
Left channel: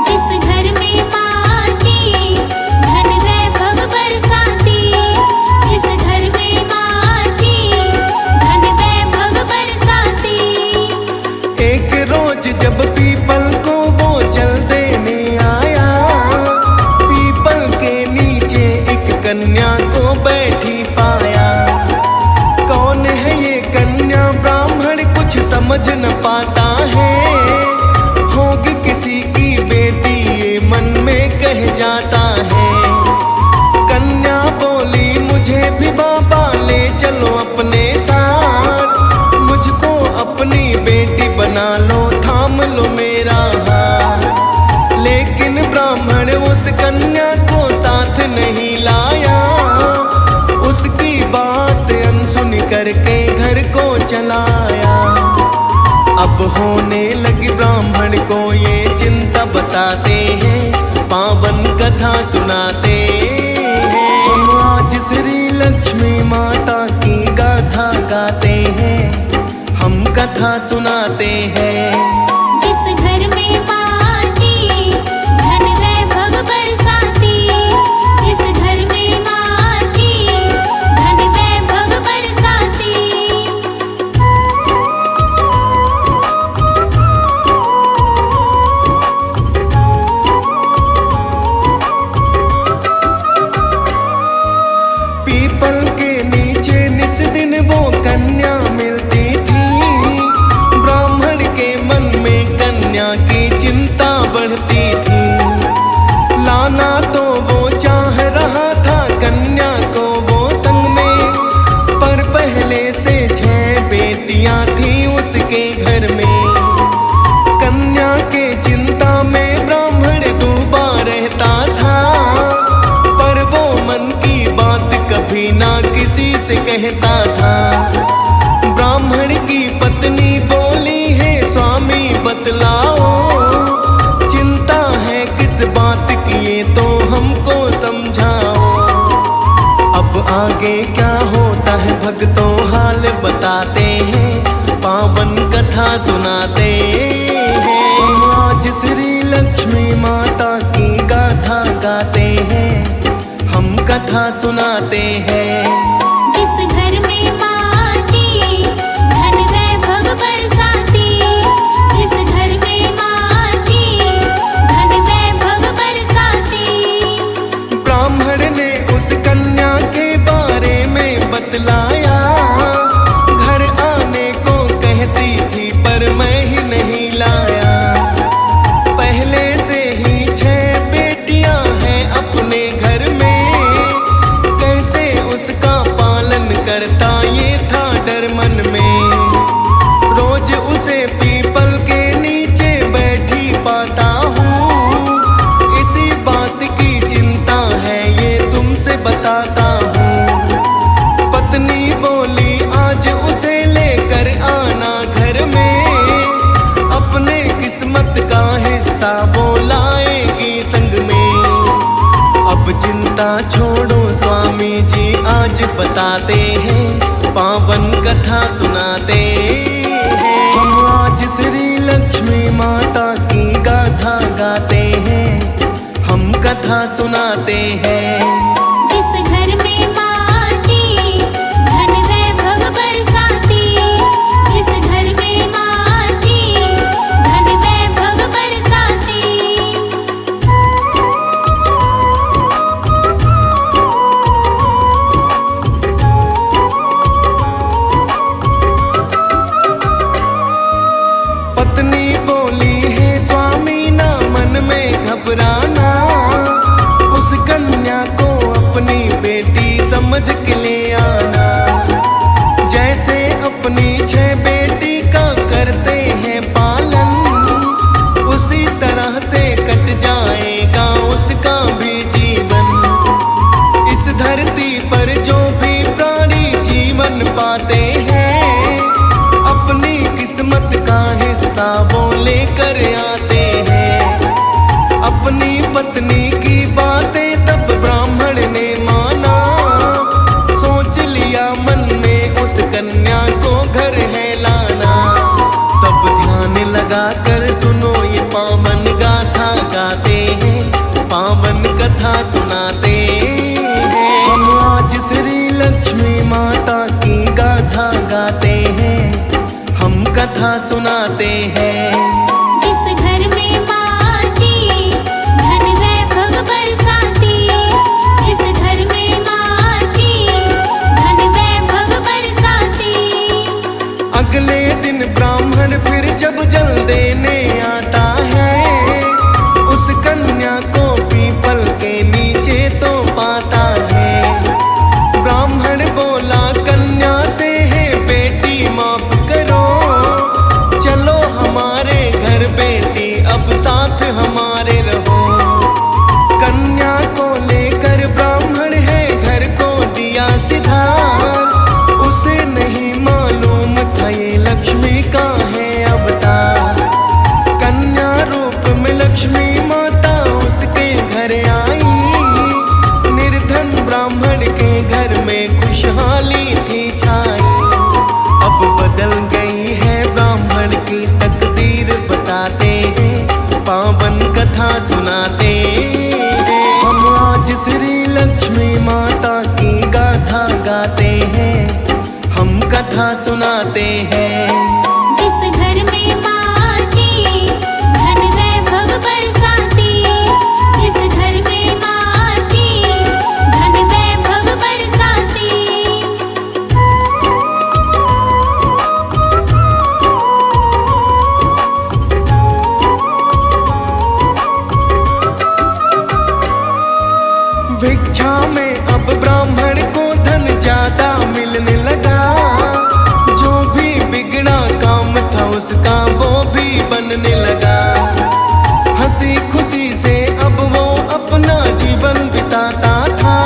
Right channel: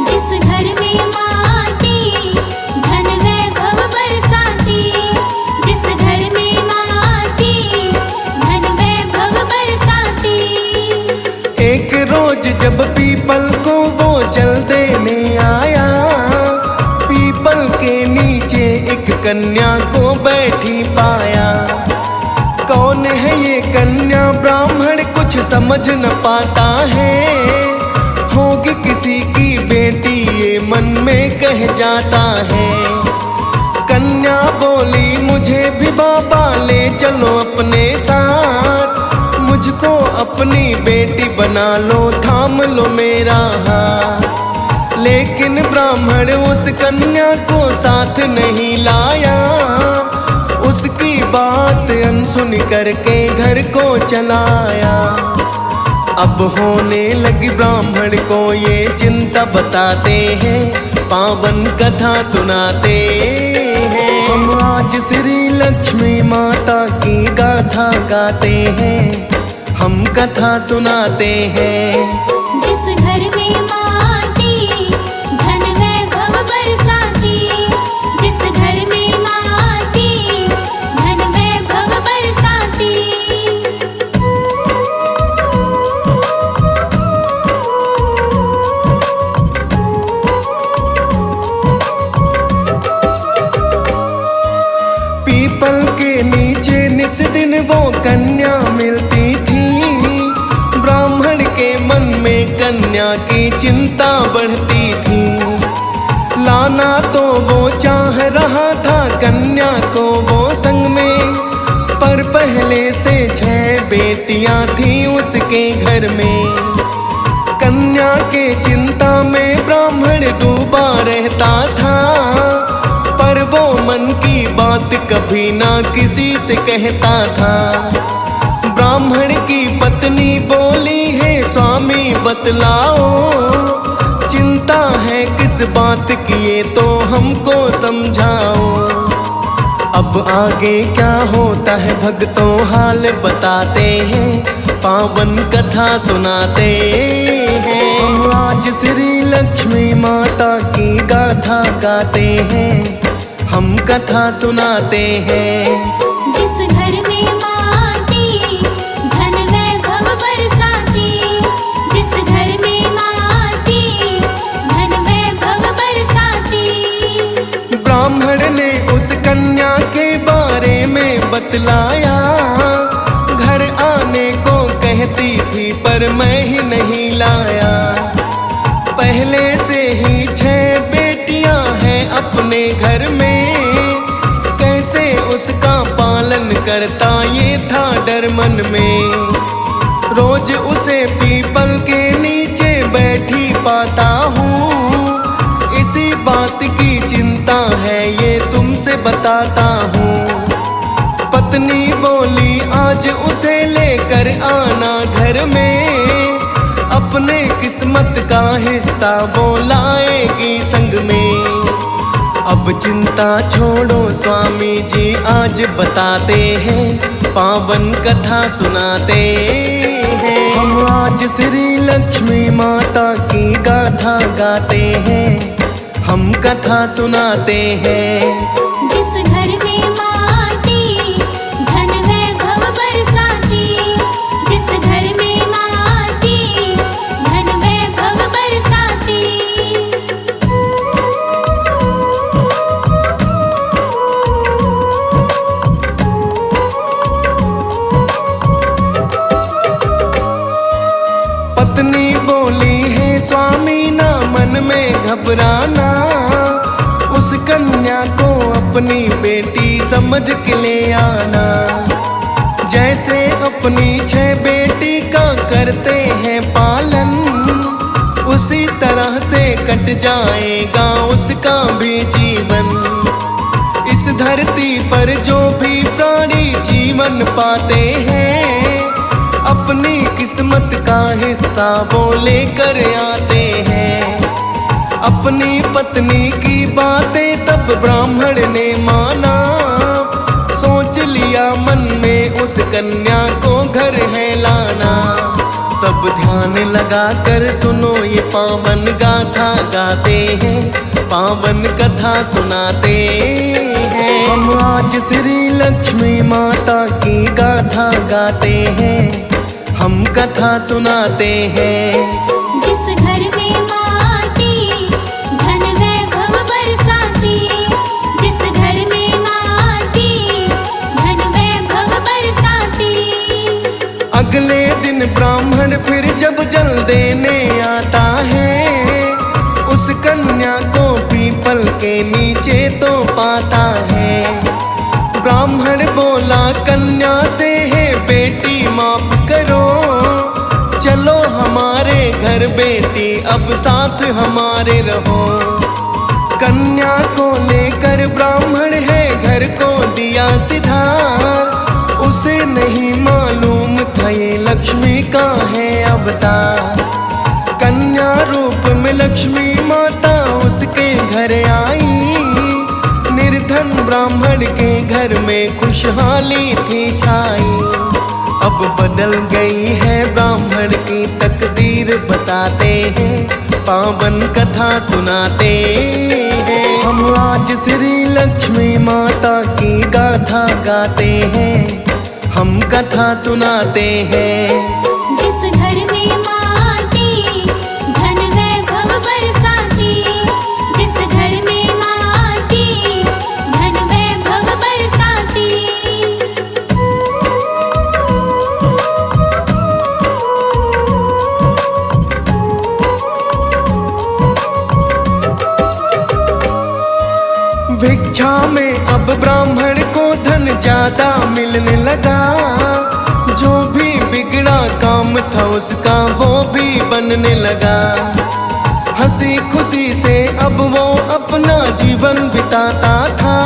जिस घर में माँ आती, धन वैभव बरसाती। जिस घर में माँ आती, धन वैभव बरसाती। एक रोज जब पीपल को वो जल देने आया, पीपल के नीचे एक कन्या को बैठी पाया। कौन है ये कन्या ब्राह्मण कुछ समझ न पाता है, होगी किसी की बेटी ये मन में कह जाता है। कन्या बोली मुझे भी बाबा ले चलो अपने साथ, मुझको अपनी बेटी बना लो, थाम लो मेरा हाथ। लेकिन ब्राह्मण उस कन्या को साथ नहीं लाया, उसकी बात अनसुनी करके घर को चलाया। अब होने लगी ब्राह्मण को ये चिंता बताते हैं, पावन कथा सुनाते हैं। हम आज श्री लक्ष्मी माता की गाथा गाते हैं, हम कथा सुनाते हैं। जिस घर में माँ आती, धन वैभव बरसाती। जिस घर में माँ आती, धन वैभव बरसाती। पीपल के नीचे निस दिन वो कन्या मिलती थी, ब्राह्मण के मन में कन्या की चिंता बढ़ती थी। लाना तो वो चाह रहा था कन्या को वो संग में, पर पहले से 6 बेटियां थी उसके घर में। कन्या के चिंता में ब्राह्मण डूबा रहता था, पर वो मन की बात कभी ना किसी से कहता था। ब्राह्मण की पत्नी बोली है स्वामी बतलाओ, चिंता है किस बात की ये तो हमको समझाओ। अब आगे क्या होता है भक्तों हाल बताते हैं, पावन कथा सुनाते हैं। हम आज श्री लक्ष्मी माता की गाथा गाते हैं, हम कथा सुनाते हैं। जिस घर में माँ आती धन वैभव बरसाती, जिस घर में माँ आती धन वैभव बरसाती। ब्राह्मण ने उस कन्या के बारे में बतलाया, घर आने को कहती थी पर मैं ही नहीं लाया। पहले से ही 6 बेटियां हैं अपने घर में, कैसे उसका पालन करता ये था डर मन में। रोज उसे पीपल के नीचे बैठी पाता हूँ, इसी बात की चिंता है ये तुमसे बताता हूँ। पत्नी बोली आज उसे लेकर आना घर में, अपने किस्मत का हिस्सा वो लाएगी संग में। अब चिंता छोड़ो स्वामी जी आज बताते हैं, पावन कथा सुनाते हैं। हम आज श्री लक्ष्मी माता की गाथा गाते हैं, हम कथा सुनाते हैं। जिस घर में माँ आती धन वैभव बरसाती, जिस घर में माँ आती धन वैभव बरसाती। पत्नी बोली है स्वामी ना मन में घबराना, उस कन्या को अपनी बेटी समझ के ले आना। जैसे अपनी 6 बेटी का करते हैं पालन, उसी तरह से कट जाएगा उसका भी जीवन। इस धरती पर जो भी प्राणी जीवन पाते हैं, अपनी किस्मत का हिस्सा वो लेकर आते हैं। अपनी पत्नी की बातें तब ब्राह्मण ने माना, सोच लिया मन में उस कन्या को घर है लाना। सब ध्यान लगा कर सुनो ये पावन गाथा गाते हैं, पावन कथा सुनाते हैं। हम आज श्री लक्ष्मी माता की गाथा गाते हैं, हम कथा सुनाते हैं। जिस घर में माँ आती धन वैभव बरसाती, जिस घर में माँ आती धन वैभव बरसाती। अगले दिन ब्राह्मण फिर जब जल देने आता है, उस कन्या को पीपल के नीचे तो पाता है। ब्राह्मण बोला कन्या से है बेटी माफ करो, चलो हमारे घर बेटी अब साथ हमारे रहो। कन्या को लेकर ब्राह्मण है घर को दिया सिधार, उसे नहीं मालूम था ये लक्ष्मी का है अवतार। कन्या रूप में लक्ष्मी माता उसके घर आई, निर्धन ब्राह्मण के घर में खुशहाली थी छाई। अब बदल गई है ब्राह्मण की तकदीर बताते हैं, पावन कथा सुनाते हैं। हम आज श्री लक्ष्मी माता की गाथा गाते हैं, हम कथा सुनाते हैं। जिस घर में माँ आती धन वैभव बरसाती, जिस घर में माँ आती धन वैभव बरसाती। भिक्षा में अब ब्राह्मण को धन ज्यादा मिलने लगा, जो भी बिगड़ा काम था उसका वो भी बनने लगा। हंसी खुशी से अब वो अपना जीवन बिताता था,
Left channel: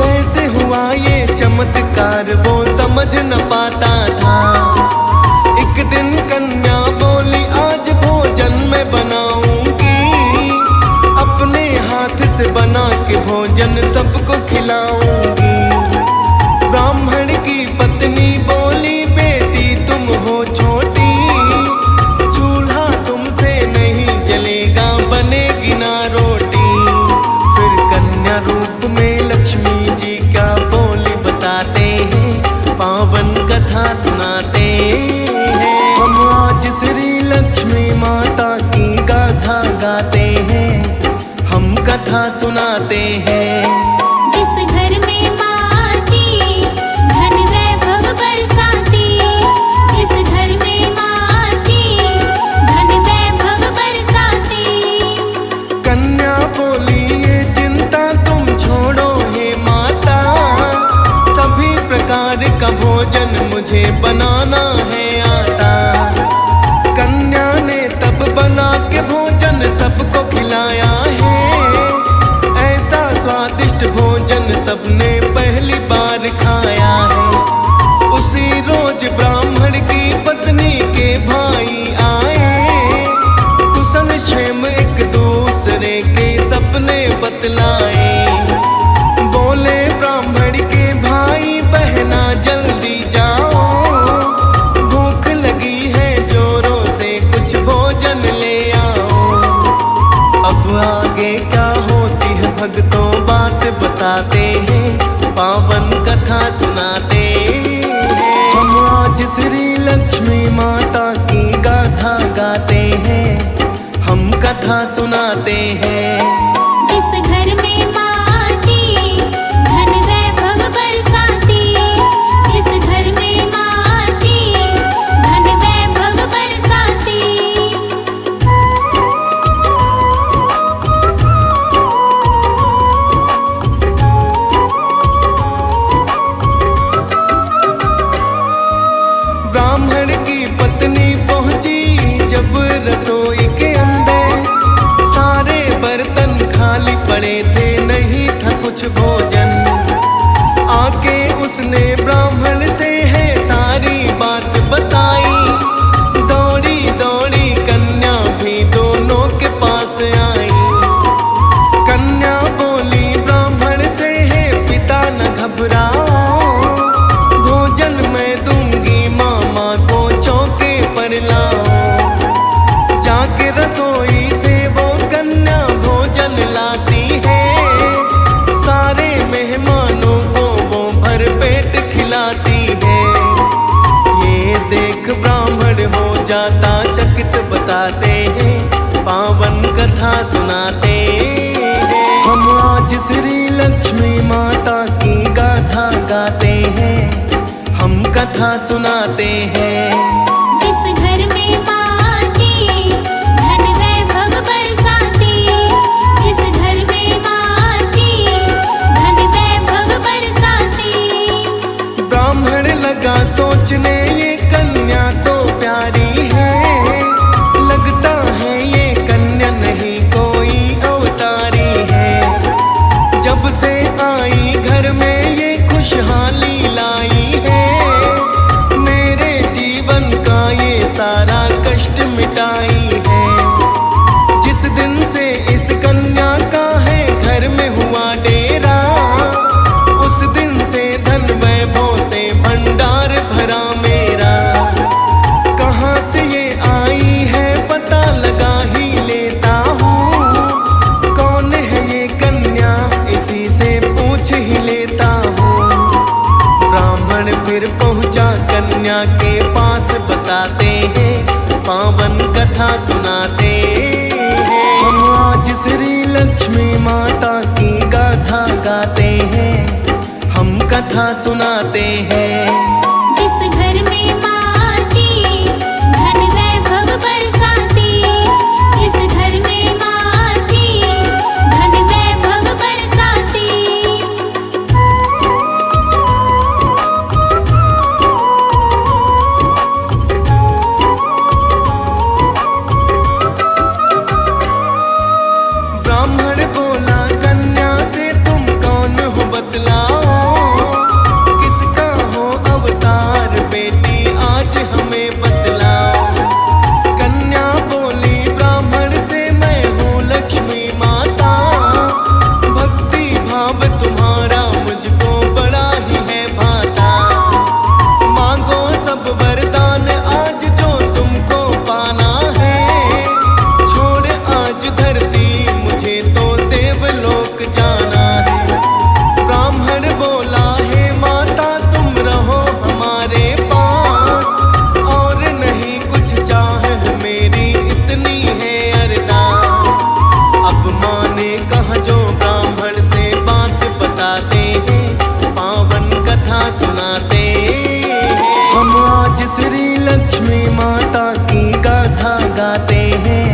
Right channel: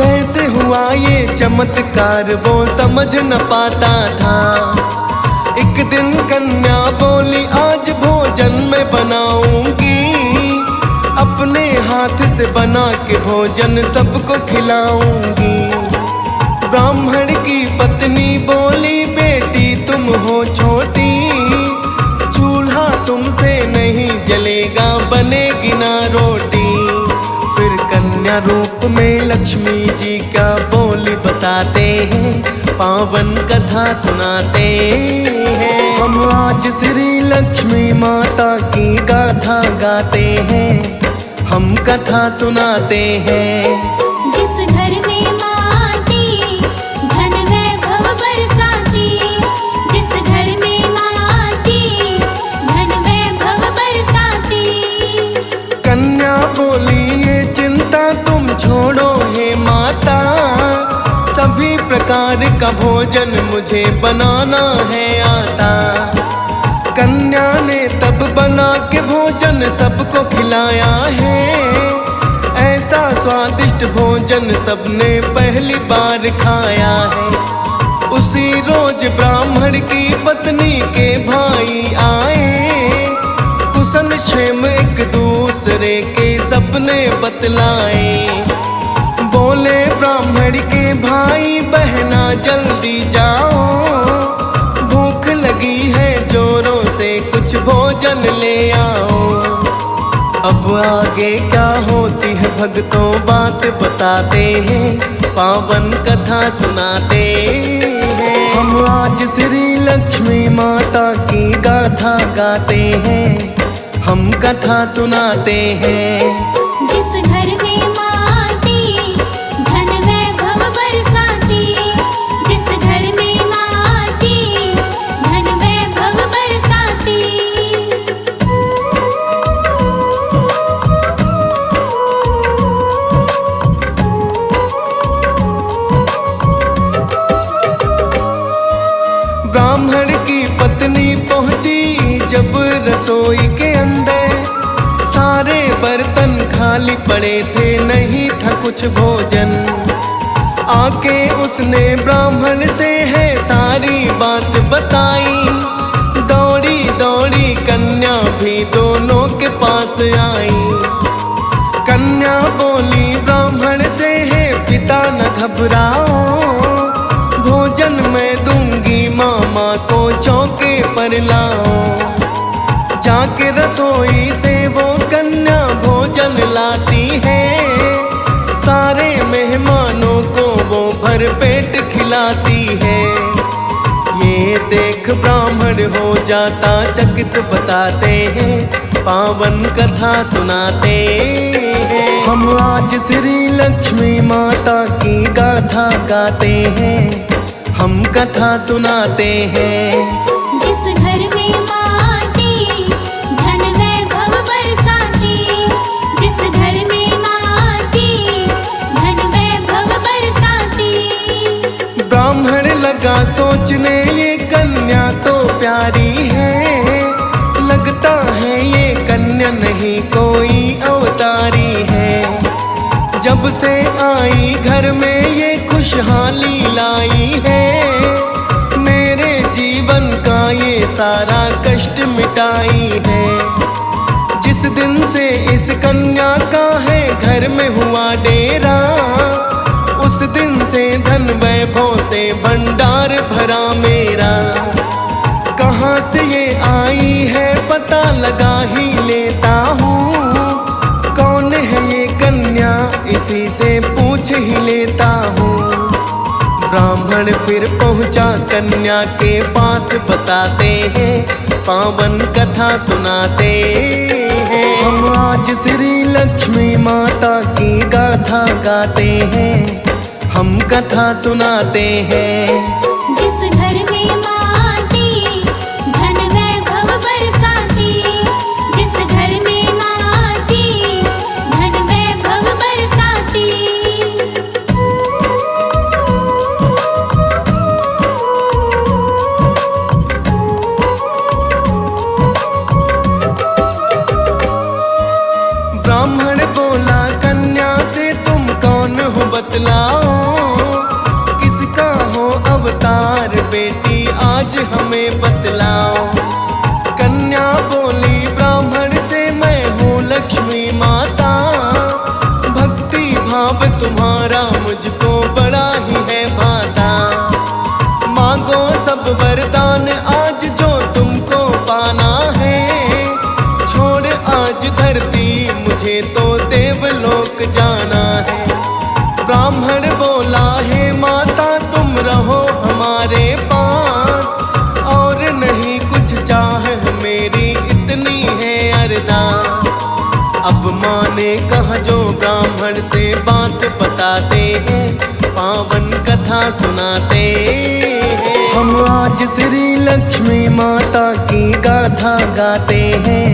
कैसे हुआ ये चमत्कार वो समझ न पाता था। एक दिन कन्या बोली आज भोजन मैं बनाऊंगी, अपने हाथ से बना के भोजन सबको खिलाऊंगी। ब्राह्मण की पत्नी बोली बेटी तुम हो छोटी, चूल्हा तुमसे नहीं जलेगा बनेगी ना रोटी। फिर कन्या रूप में लक्ष्मी जी क्या बोली बताते हैं, पावन कथा सुनाते हैं। हम आज श्री लक्ष्मी माता की गाथा गाते हैं, हम कथा सुनाते हैं। जिस घर में माँ आती धन वैभव बरसाती, जिस घर में माँ आती धन वैभव बरसाती। कन्या बोली ये चिंता तुम छोड़ो हे माता, सभी प्रकार का भोजन मुझे बनाना है आता। कन्या ने तब बना के भोजन सबको खिलाया है, ऐसा स्वादिष्ट भोजन सबने पहली बार खाया है। उसी रोज ब्राह्मण की पत्नी के भाई आए, कुशल क्षेम एक दूसरे के सपने बतलाए। बोले ब्राह्मण के भाई बहना जल्दी जाओ, भूख लगी है जोरों से कुछ भोजन ले आओ। अब आगे क्या होती है भक्तों बात बताते हैं, पावन कथा सुनाते हैं। हम आज श्री लक्ष्मी माता की गाथा गाते हैं, हम कथा सुनाते हैं। जिस घर में माँ आती धन वैभव बरसाती, जिस घर में माँ आती धन वैभव बरसाती। ब्राह्मण की पत्नी पहुंची जब रसोई के अंदर, सारे बर्तन खाली पड़े थे नहीं था कुछ भोजन। आके उसने ब्राह्मण से है सारी बात बताई, दौड़ी दौड़ी कन्या भी दोनों के पास आई। कन्या बोली ब्राह्मण से है पिता न घबराओ, भोजन मैं दूंगी मामा को चौके पर लाओ। जाके रसोई से वो कन्या भोजन लाती है, सारे मेहमानों को वो भर पेट खिलाती है। ये देख ब्राह्मण हो जाता चकित बताते हैं, पावन कथा सुनाते हैं। हम आज श्री लक्ष्मी माता की गाथा गाते हैं, हम कथा सुनाते हैं। जिस घर में माँ आती धन वैभव बरसाती, जिस घर में माँ आती धन वैभव बरसाती। ब्राह्मण लगा सोचने ये कन्या तो प्यारी है, लगता है ये कन्या नहीं कोई अवतारी है। जब से आई घर में ये खुशहाली लाई है, मेरे जीवन का ये सारा कष्ट मिटाई है। जिस दिन से इस कन्या का है घर में हुआ डेरा, उस दिन से धन वैभव से भंडार भरा मेरा। कहाँ से ये आई है पता लगा ही लेता हूँ, कौन है ये कन्या इसी से पूछ ही लेता हूँ। ब्राह्मण फिर पहुँचा कन्या के पास बताते हैं, पावन कथा सुनाते हैं। हम आज श्री लक्ष्मी माता की गाथा गाते हैं, हम कथा सुनाते हैं। जिस घर में माँ आती धन वैभव बरसाती, जिस घर में माँ आती धन वैभव बरसाती। ब्राह्मण बोला कन्या से तुम कौन हो बतलाओ, अवतार बेटी आज हमें बतलाओ। कन्या बोली ब्राह्मण से मैं हूँ लक्ष्मी माता, भक्ति भाव तुम्हारा मुझको बड़ा ही है भाता। मांगो सब वरदान आज जो तुमको पाना है, छोड़ आज धरती मुझे तो देवलोक जाना है। ब्राह्मण बोला हे माता तुम रहो हमारे पास, और नहीं कुछ चाह मेरी इतनी है अरदास। अब माँ ने कहा जो ब्राह्मण से बात बताते हैं, पावन कथा सुनाते हैं। हम आज श्री लक्ष्मी माता की गाथा गाते हैं,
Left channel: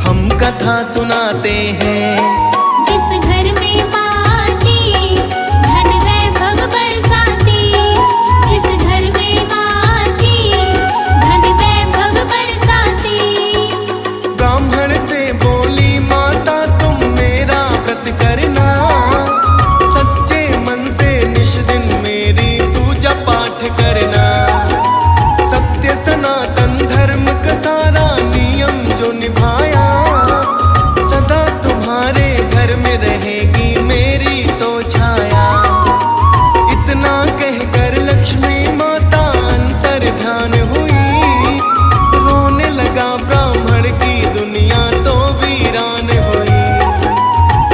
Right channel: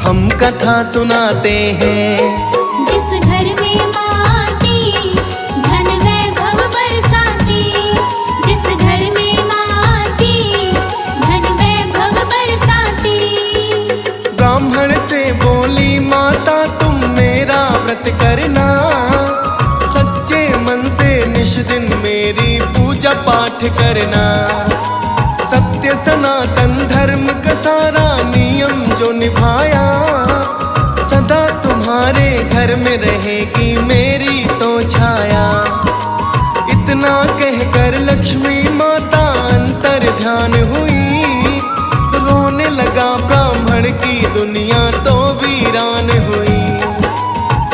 हम कथा सुनाते हैं। जिस घर में माँ आती, धन वैभव बरसाती। जिस घर में माँ आती, धन वैभव बरसाती। ब्राह्मण से बोली माता तुम मेरा व्रत करना, सच्चे मन से निश दिन मेरी पूजा पाठ करना। सत्य सनातन धर्म का सारा नियम जो निभाया, सदा तुम्हारे घर में रहेगी मेरी तो छाया। इतना कहकर लक्ष्मी माता अंतर ध्यान हुई, रोने लगा ब्राह्मण की दुनिया तो वीरान हुई।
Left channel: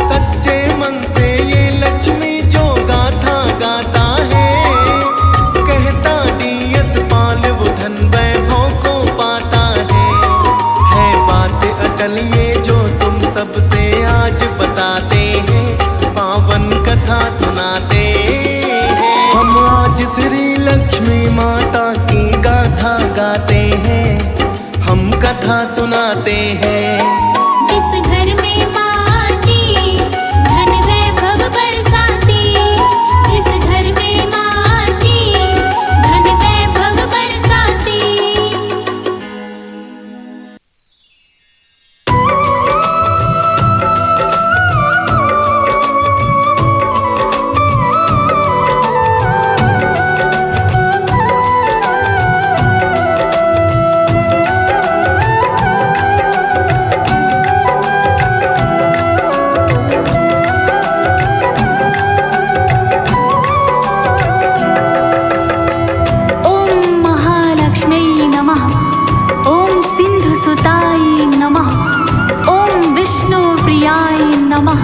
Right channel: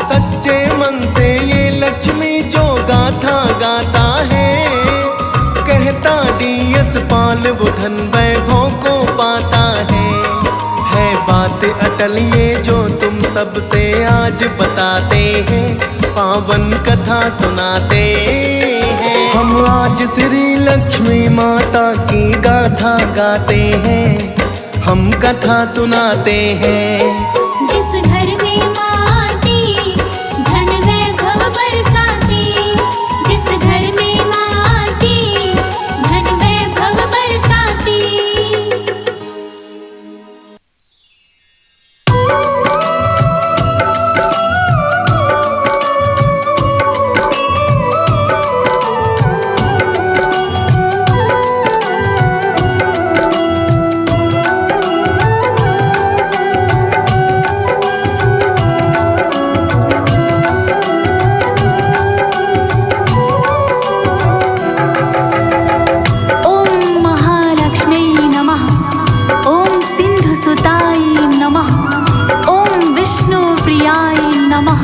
सच्चे मन से ये लक्ष्मी जो गाथा गाता है, कहता डीएस पाल वो धन वैभव को पाता है बात अटल ये जो तुम सबसे आज बताते हैं, पावन कथा सुनाते हैं। हम आज श्री लक्ष्मी माता की गाथा गाते हैं, हम कथा सुनाते हैं। जिस घर में माँ आती, धन वैभव बरसाती। जिस घर में माँ आती, धन वैभव बरसाती। सुताय नमः। ओम विष्णु प्रियाय नमः।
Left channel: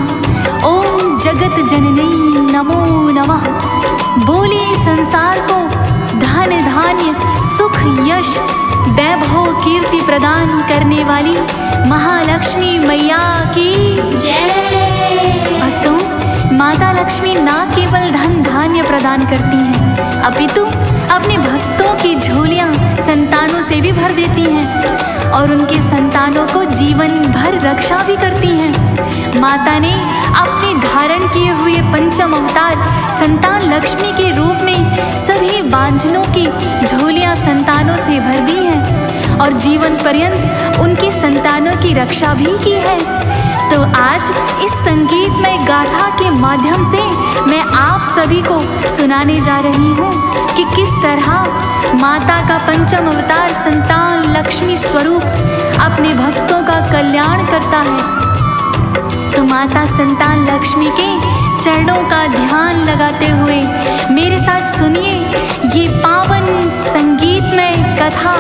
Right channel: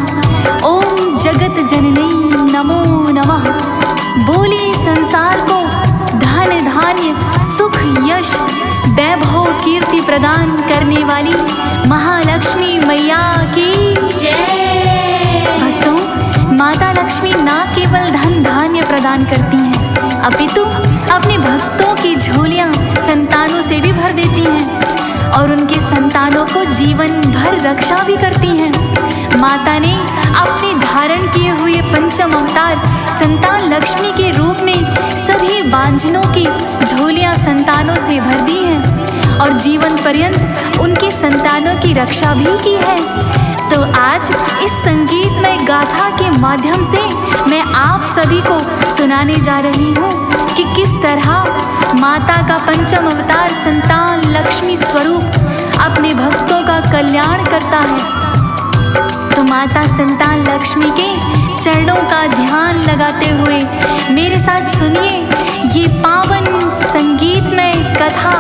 ओम जगत जननी नमो नमः। बोले संसार को धन धान्य सुख यश वैभव कीर्ति प्रदान करने वाली महालक्ष्मी मैया की जय। भक्तों, माता लक्ष्मी न केवल धन धान्य प्रदान करती हैं, अपितु अपने भक्तों की झोलियां संतानों से भी भर देती हैं और उनके संतानों को जीवन भर रक्षा भी करती हैं। माता ने अपने धारण किए हुए पंचम अवतार संतान लक्ष्मी के रूप में सभी बांझनों की झोलियां संतानों से भर दी हैं और जीवन पर्यंत उनके संतानों की रक्षा भी की है। तो आज इस संगीतमय गाथा के माध्यम से मैं आप सभी को सुनाने जा रही हूँ कि किस तरह माता का पंचम अवतार संतान लक्ष्मी स्वरूप अपने भक्तों का कल्याण करता है। तो माता संतान लक्ष्मी के चरणों का ध्यान लगाते हुए मेरे साथ सुनिए ये पावन संगीतमय कथा।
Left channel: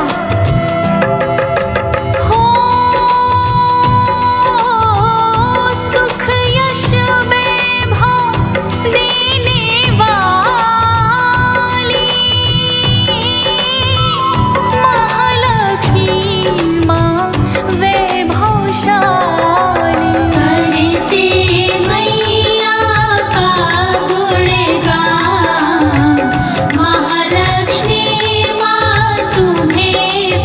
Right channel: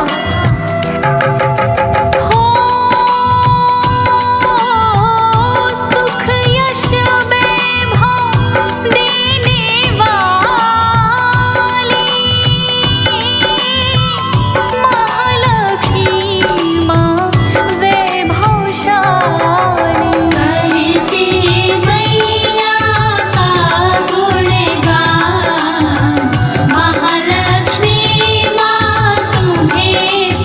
महालक्ष्मी माँ तुम्हें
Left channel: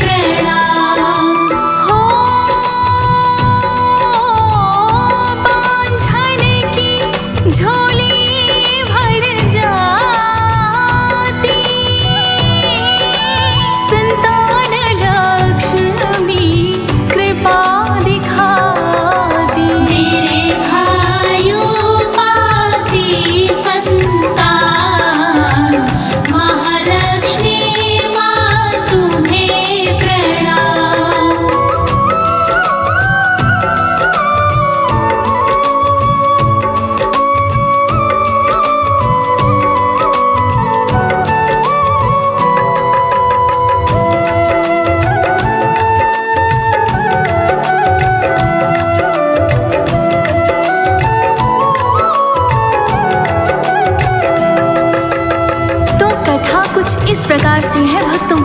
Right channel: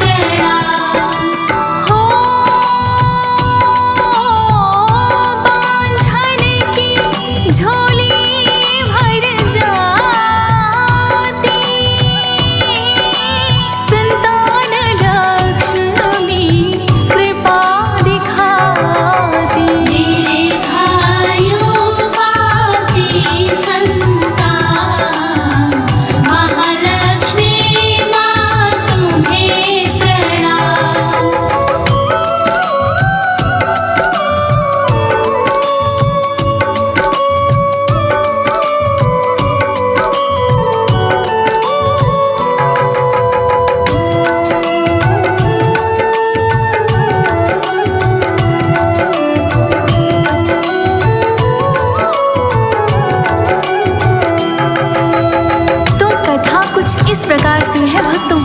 कुछ इस प्रकार से है भक्तों।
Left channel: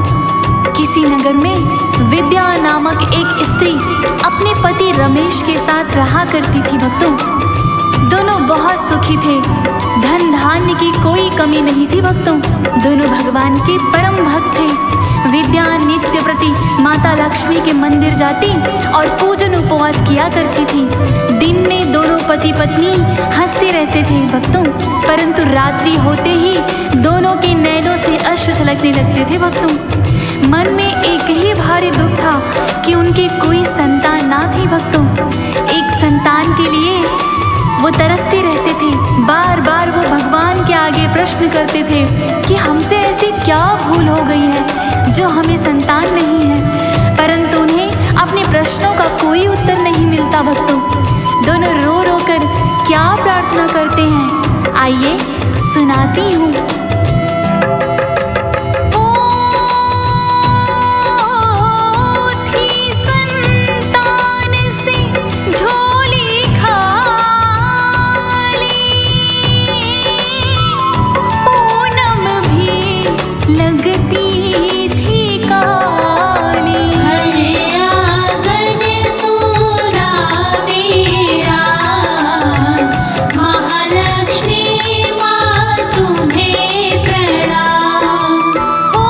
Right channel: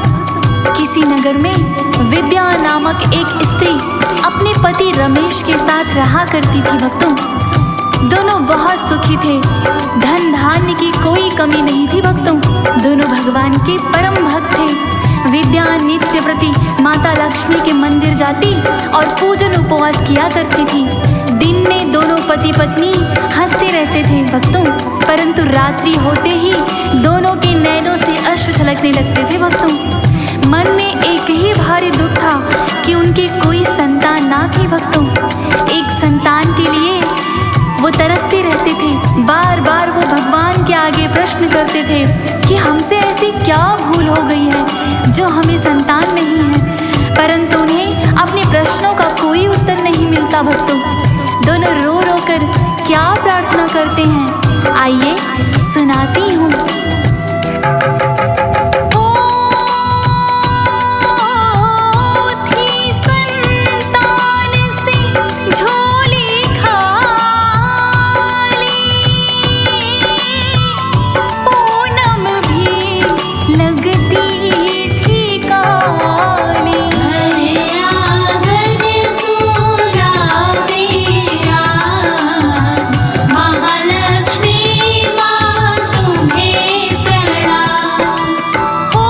किसी नगर में विद्या नामक एक स्त्री अपने पति रमेश के साथ रहा करती थी भक्तों। दोनों बहुत सुखी थे, धन धान्य की कोई कमी नहीं थी भक्तों। दोनों भगवान के परम भक्त थे। विद्या नित्य प्रति माता लक्ष्मी के मंदिर जाती और पूजन उपवास किया करती थी। दिन में दोनों पति पत्नी हंसते रहते थे भक्तों, परंतु रात्रि होते ही दोनों के नैनों से अश्रु छलकने लगते थे भक्तों। मन में एक ही भारी दुख था कि उनकी कोई संतान ना थी भक्तों। एक संतान के लिए वो तरसते रहते थे। बार बार वो भगवान के आगे प्रश्न करते थे कि हमसे ऐसी क्या भूल हो गई है जो हमें संतान नहीं है, परंतु उन्हें अपने प्रश्नों का कोई उत्तर नहीं मिलता भक्तों। दोनों रो रो कर क्या प्रार्थना करते हैं, आइए सुनाती हूँ। लगती थी काली, घर आंगन सूरा मेरा, महालक्ष्मी माँ तुम्हें प्रणाम। हो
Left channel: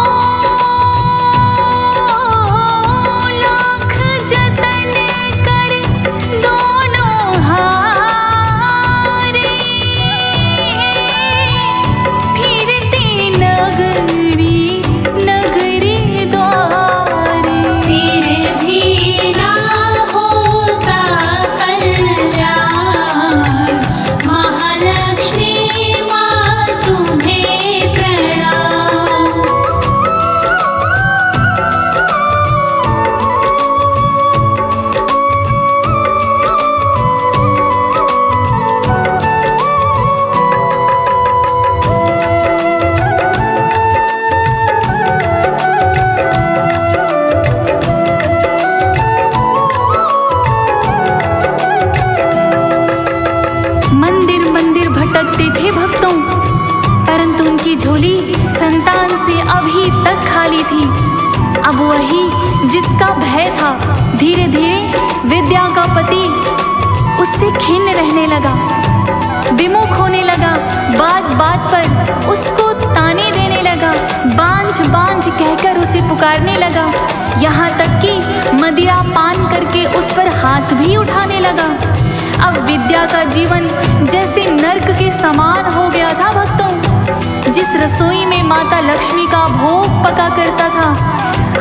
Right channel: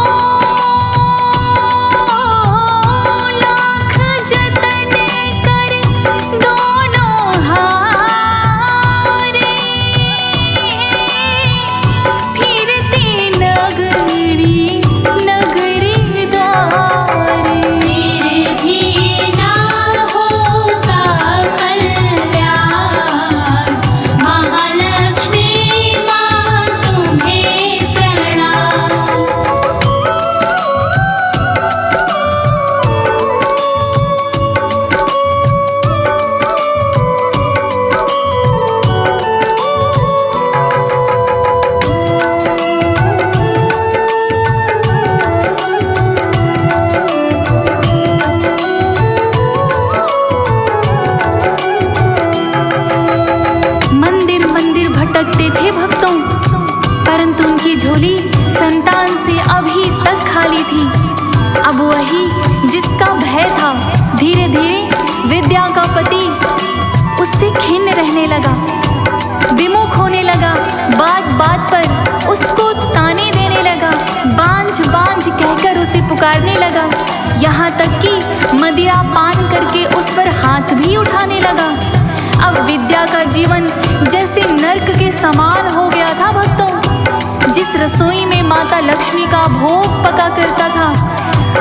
लाख जतन कर दोनों हारे, फिरते नगरी नगरी द्वारे, फिर भी ना होता कल्याण, महालक्ष्मी माँ तुम्हें प्रणाम। मंदिर मंदिर भटकते थे भक्तों, परंतु उनकी झोली संतान से अभी तक खाली थी। अब वही जिसका भय था, धीरे धीरे विद्या का पति उससे खिन्न रहने लगा, विमुख होने लगा। बात बात पर उसको ताने देने लगा, बांझ बांझ कहकर उसे पुकारने लगा। यहाँ तक कि मदिरा पान करके उस पर हाथ भी उठाने लगा। अब विद्या का जीवन जैसे नर्क के समान हो गया था भक्तों। जिस रसोई में माता लक्ष्मी का भोग पका करता था,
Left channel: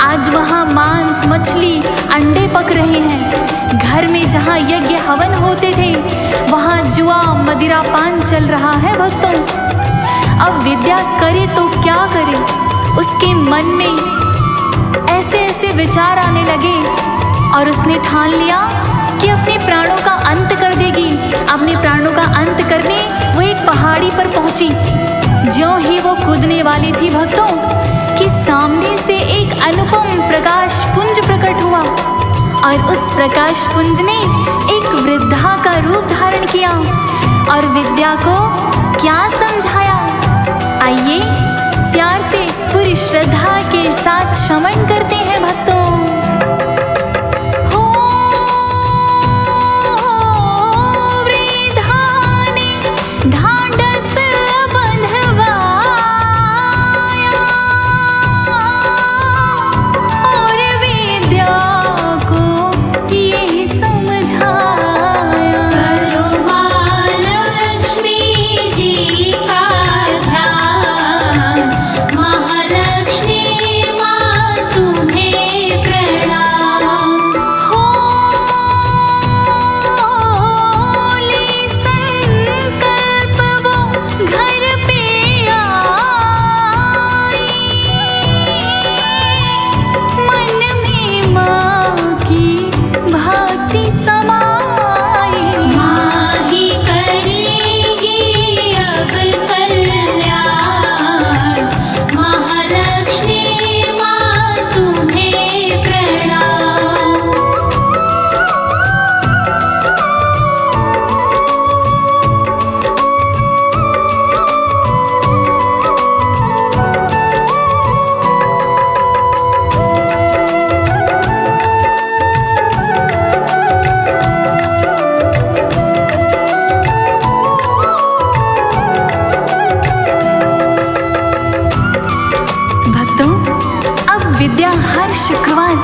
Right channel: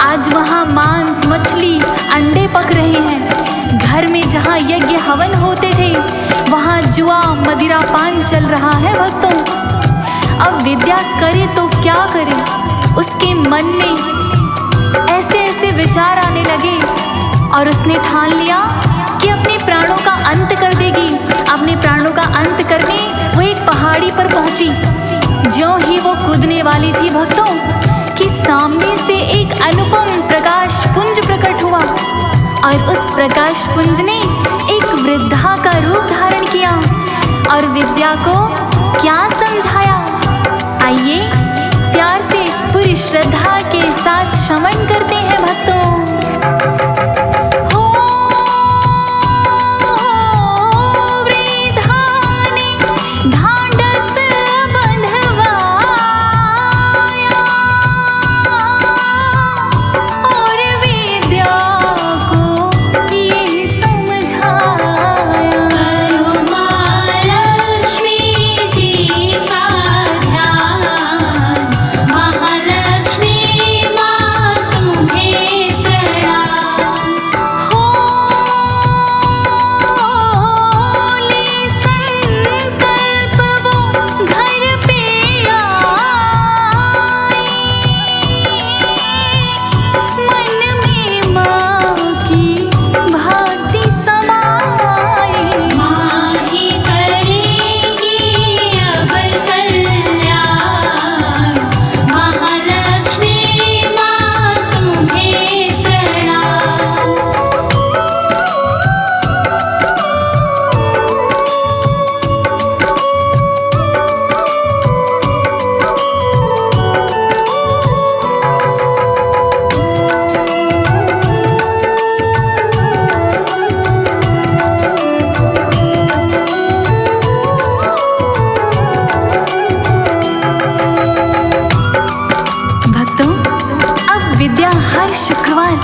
आज वहाँ मांस मछली अंडे पक रहे हैं। घर में जहाँ यज्ञ हवन होते थे, वहाँ जुआ मदिरा पान चल रहा है भक्तों। अब विद्या करे तो क्या करे, उसके मन में ऐसे ऐसे विचार आने लगे और उसने ठान लिया कि अपने प्राणों का अंत कर देगी। अपने प्राणों का अंत करने वो एक पहाड़ी पर पहुंची। ज्यों ही वो कूदने वाली थी भक्तों, कि सामने से एक अनुपम प्रकाश पुंज प्रकट हुआ और उस प्रकाश पुंज ने एक वृद्धा का रूप धारण किया और विद्या को क्या समझाया, आइए प्यार से पूरी श्रद्धा के साथ श्रवण करते हैं भक्तों। ढांढस बंधवाया और विद्या को ये समझाया, करो महालक्ष्मी जी का ध्यान, महालक्ष्मी माँ तुम्हें प्रणाम। हो ले संकल्प भक्तों, अब विद्या हर शुक्रवार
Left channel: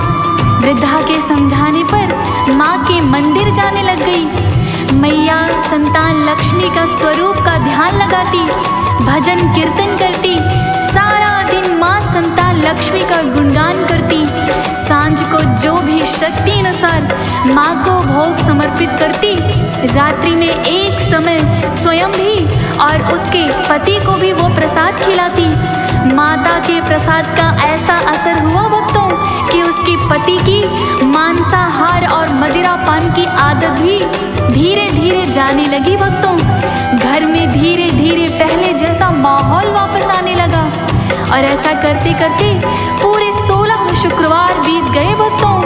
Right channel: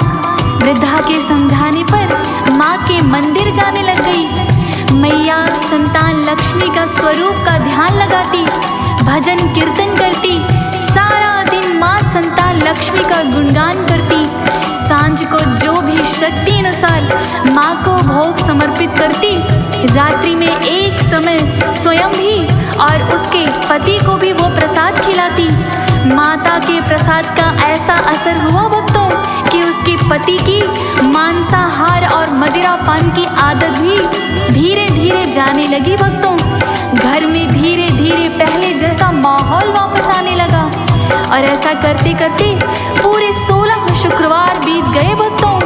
वृद्धा के समझाने पर माँ के मंदिर जाने लग गई। मैया संतान लक्ष्मी का स्वरूप का ध्यान लगाती, भजन कीर्तन करती, सारा दिन माँ संतान लक्ष्मी का गुणगान करती। सांझ को जो भी शक्ति अनुसार माँ को भोग समर्पित करती, रात्रि में एक समय स्वयं भी और उसके पति को भी वो प्रसाद खिलाती। माता के प्रसाद का ऐसा असर हुआ भक्तों कि उसके पति की मांसाहार और मदिरा पान की आदत भी धीरे धीरे जाने लगी भक्तों। घर में धीरे धीरे पहले जैसा माहौल वापस आने लगा और ऐसा करते करते पूरे 16 शुक्रवार बीत गए भक्तों।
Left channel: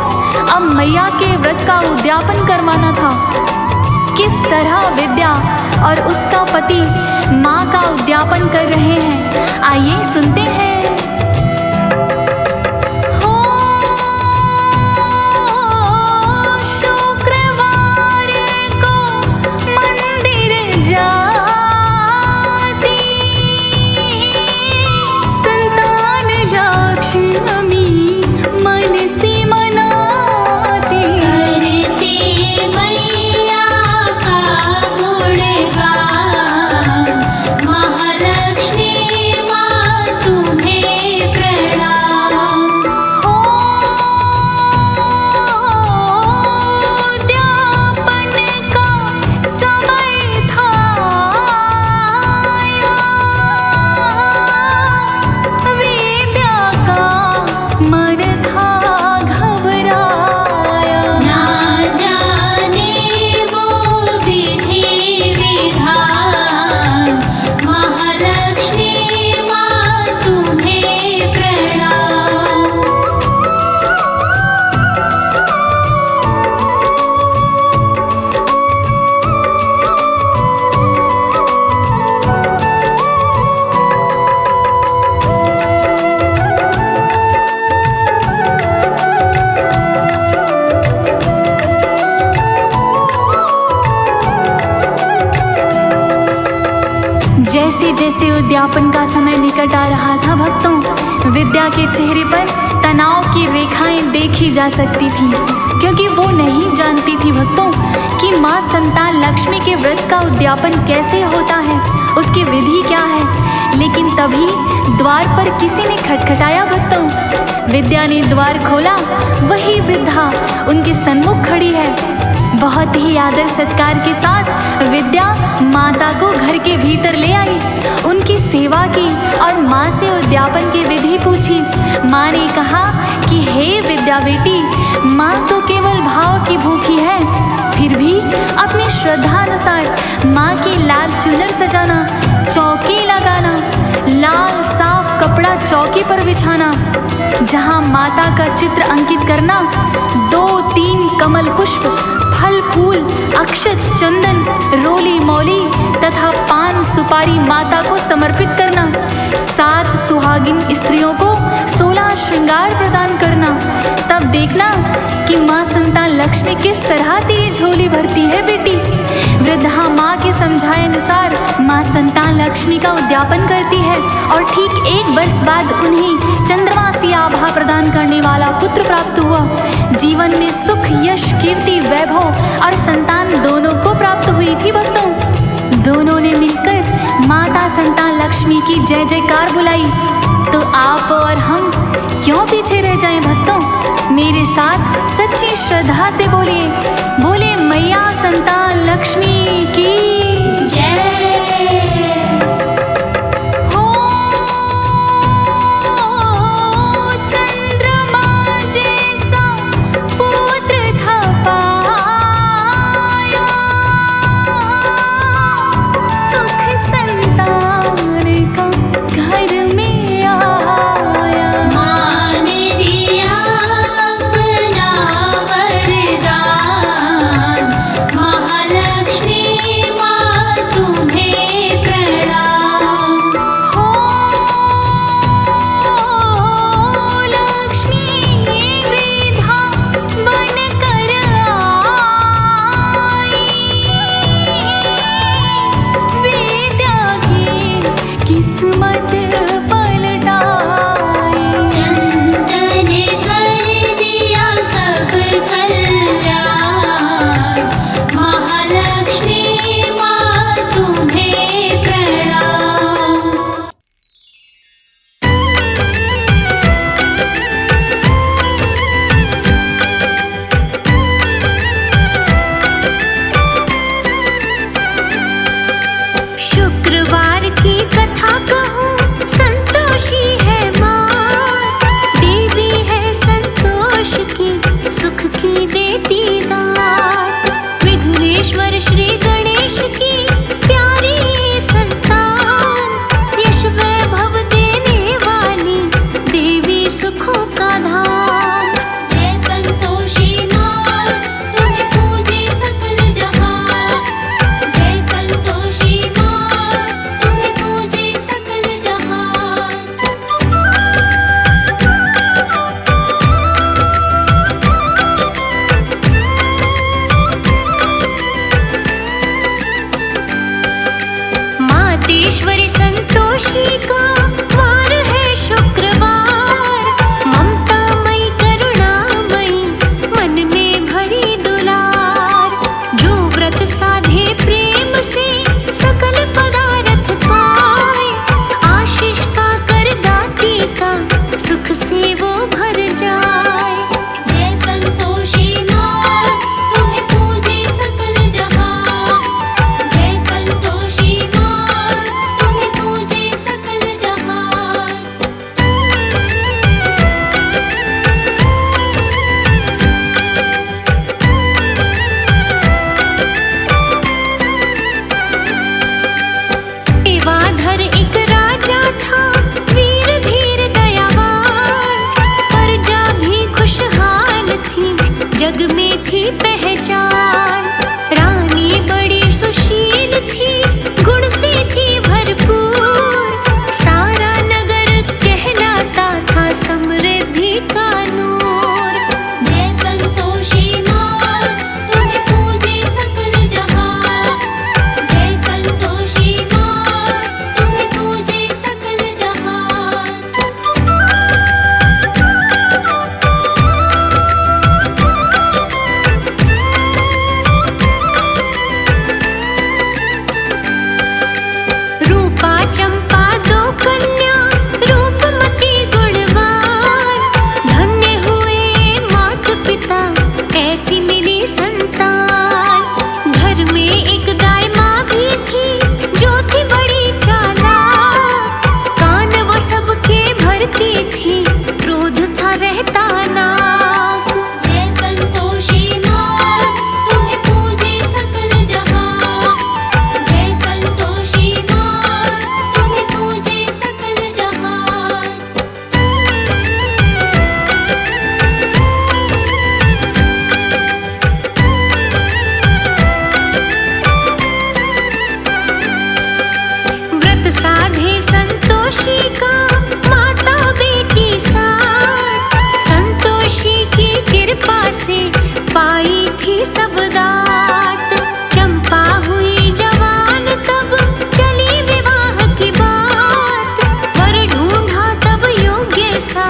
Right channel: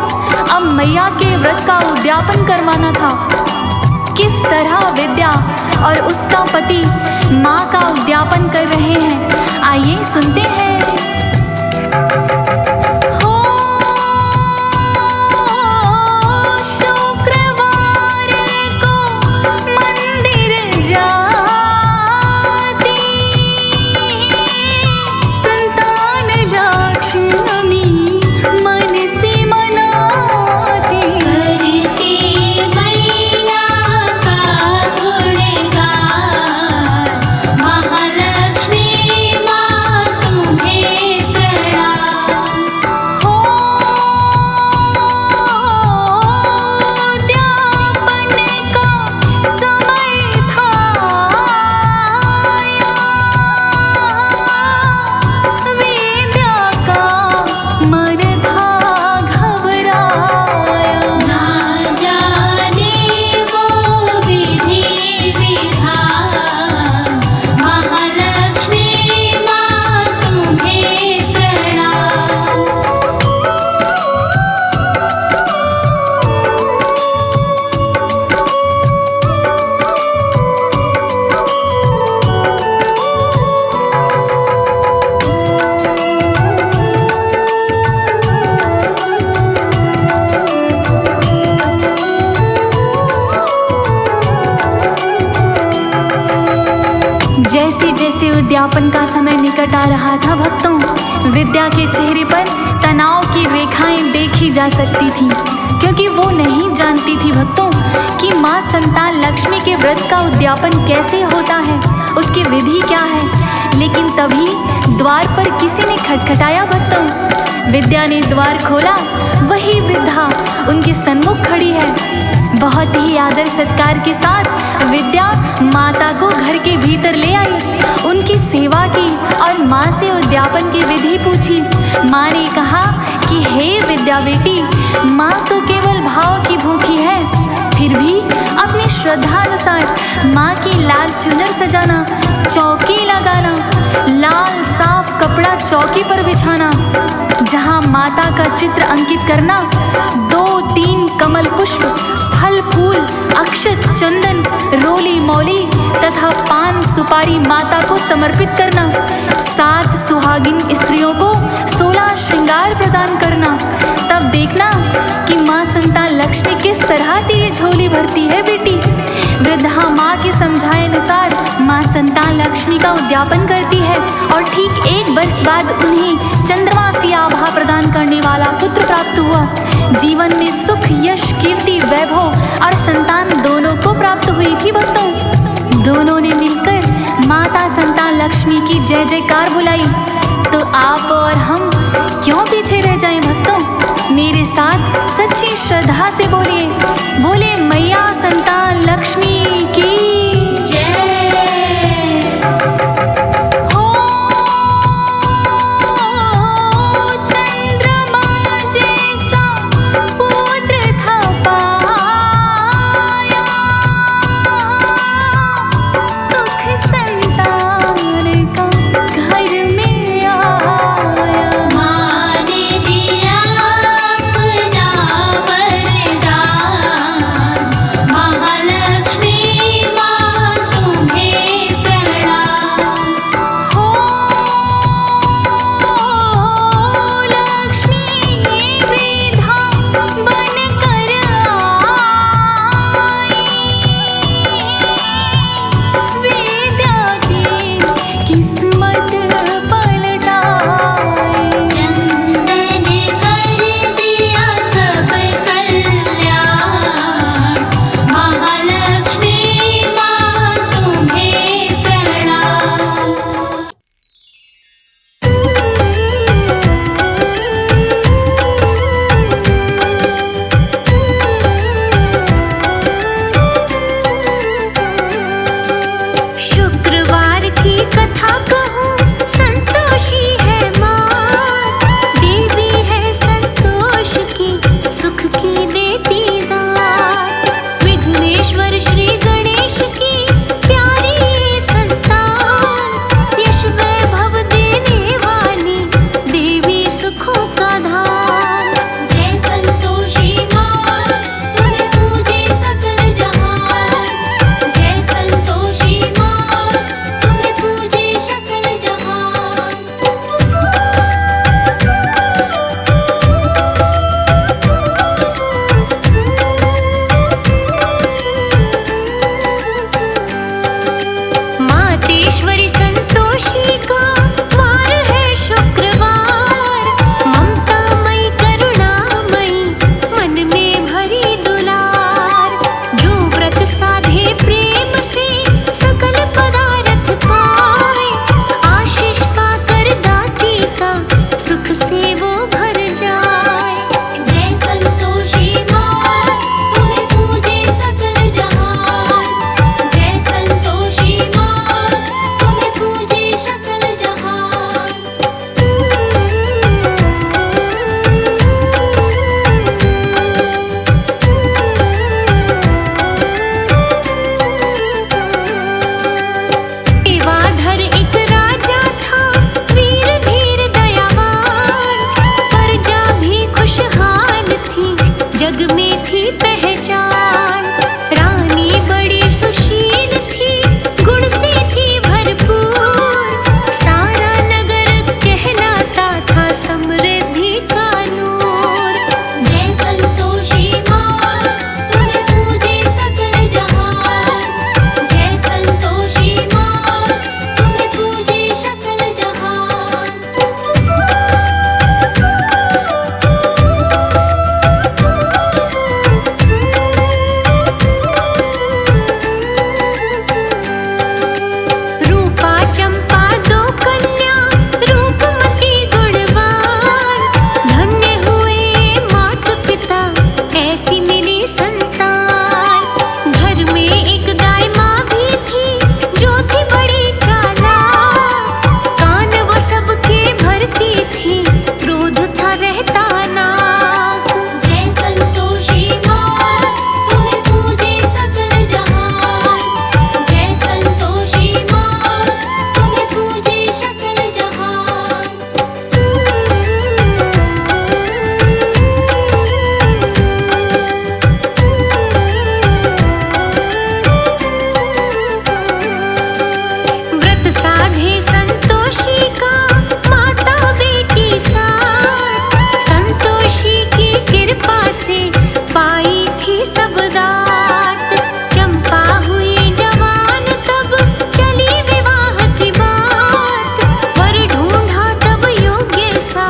अब मैया के व्रत का उद्यापन करवाना था। किस तरह विद्या और उसका पति माँ का उद्यापन कर रहे हैं, आइए सुनते हैं। हो शुक्रवार को मंदिर जाती संतान लक्ष्मी मन से मनाती। करती मैया का गुणगान, महालक्ष्मी माँ तुम्हें प्रणाम। हो उद्यापन का समय था आया, विद्या का मन था घबराया। ना जाने वो विधि विधान, महालक्ष्मी माँ तुम्हें प्रणाम। जैसे जैसे उद्यापन का समय निकट आ रहा था भक्तों, विद्या के चेहरे पर तनाव की रेखाएं देखी जा सकती थी, क्योंकि वो नहीं जानती थी भक्तों कि माँ संतान लक्ष्मी के व्रत का उद्यापन कैसे होता है, उसकी विधि क्या है। लेकिन तभी द्वार पर किसी ने खटखटाया भक्तों। विद्या ने द्वार खोला, वही वृद्धा उनके सन्मुख खड़ी है। बहुत ही आदर सत्कार के साथ विद्या माता को घर के भीतर ले आई, उनकी सेवा की और माँ से उद्यापन की विधि पूछी। माँ ने कहा कि हे विद्या बेटी, माँ तो केवल भाव की भूखी है, फिर भी अपनी श्रद्धानुसार माँ की लाल चुनर सजाना, चौकी लगाना, लाल साफ कपड़ा चौकी पर बिछाना, जहाँ माता का चित्र अंकित करना, 2-3 कमल पुष्प, फल फूल, अक्षत, चंदन, रोली मौली तथा पान सुपारी माता को समर्पित करना, 7 सुहागिन स्त्रियों को 16 श्रृंगार प्रदान करना। तब देखना कि माँ संतान लक्ष्मी किस तरह तेरी झोली भरती है बेटी। वृद्धा माँ के समझाए अनुसार माँ संतान लक्ष्मी का उद्यापन करती है और ठीक 1 वर्ष बाद उन्हें चंद्रमा सी आभा प्रदान करने वाला पुत्र प्राप्त हुआ। जीवन में सुख, यश, कीर्ति, वैभव और संतान दोनों को प्राप्त हुई थी भक्तों। दोनों ने मिलकर माता संतान लक्ष्मी की जय जयकार बुलाई। तो आप और हम क्यों पीछे रह जाएं भक्तों, मेरे साथ सच्ची श्रद्धा से बोलिए, बोले मैया संतान लक्ष्मी की जय। हो चंद्रमा जैसा पुत्र था पाया, सुख संतान का घर में आया। माँ ने दिया अपना वरदान, महालक्ष्मी माँ तुम्हें देवी सुखों का धाम। जय संतोषी माँ, तुम्हें पूजे सकल जहान। जय संतोषी माँ, तुम्हें पूजे सकल जहान। मातेश्वरी संतोषी का वार है शुक्रवार। ममतामयी करुणामयी मन में भरी दुलार। जो व्रत साधे प्रेम से सकल पदार्थ पाए। आशीष पाकर दाती का सुख से वो भर जाए। जय संतोषी माँ, तुम्हें पूजे सकल जहान। जय संतोषी माँ, तुम्हें पूजे सकल जहान। एवाधर एक राजा था, वीर धीर दयावान। प्रजा भी खुशहाल थी, जग में थी पहचान। रानी बड़ी सुशील थी, गुण से थी भरपूर। सारा नगर कहलाता था समृद्धि का नूर। जय संतोषी माँ, तुम्हें पूजे सकल जहान। जय संतोषी माँ, तुम्हें पूजे सकल जहान। रूपा चंपा दो कन्या, रूपमती गुणवान। धन्य हुए मात पिता, ऐसी मिली संतान। घर में एक दाई माँ भी थी, जो थी बड़ी चालाक। कान वो सबके भरती थी, क्रोध था रहता नाक। जय संतोषी माँ, तुम्हें पूजे सकल जहान। जय संतोषी माँ, तुम्हें पूजे सकल जहान। व्रत साधे संतोषी का माता बेटी साथ। संतोषी की कृपा से पाई थी सब दात। चंपा हुई जवान तब चली विवाह की बात। वर ढूंढा तब योग्य सा,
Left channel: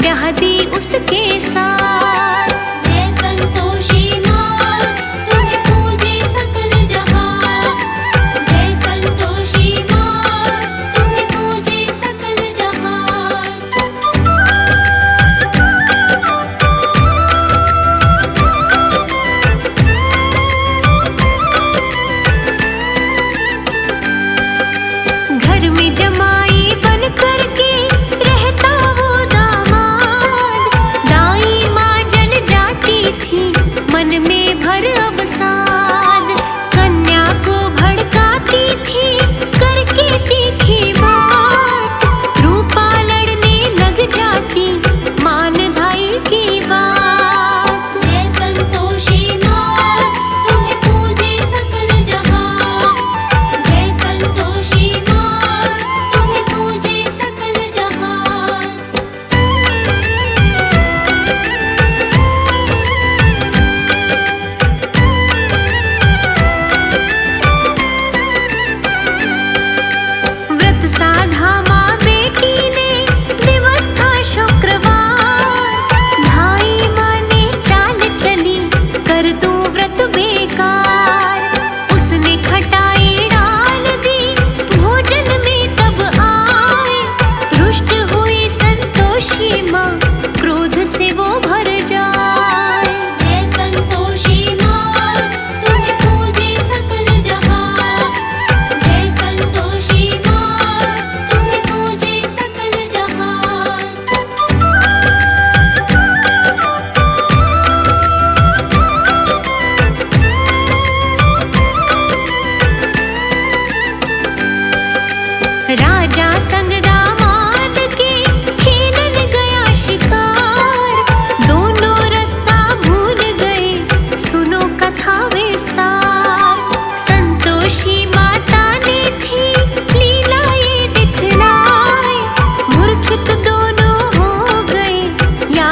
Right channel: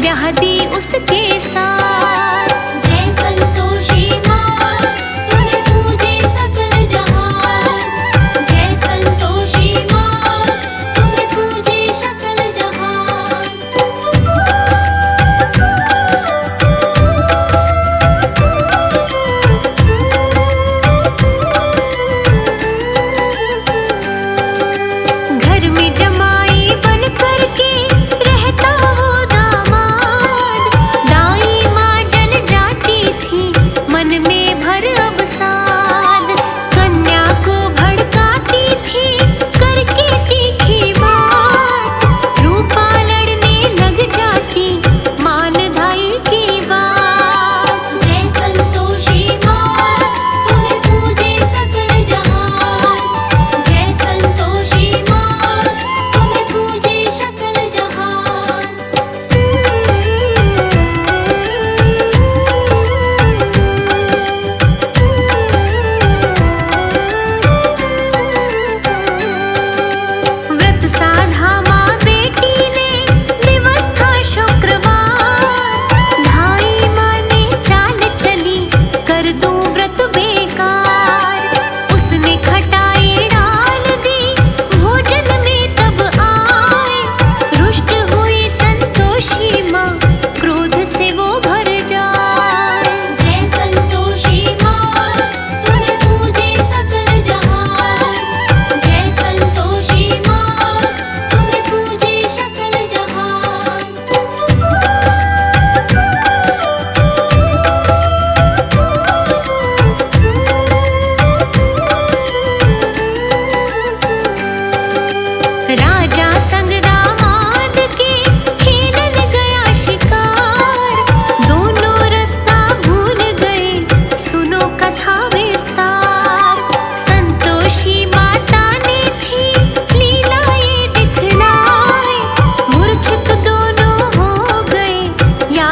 ब्याह दी उसके साथ। जय संतोषी माँ, तुम्हें पूजे सकल जहान। जय संतोषी माँ, तुम्हें पूजे सकल जहान। घर में जमाई बन करके रहता वो दामाद। दाई माँ जल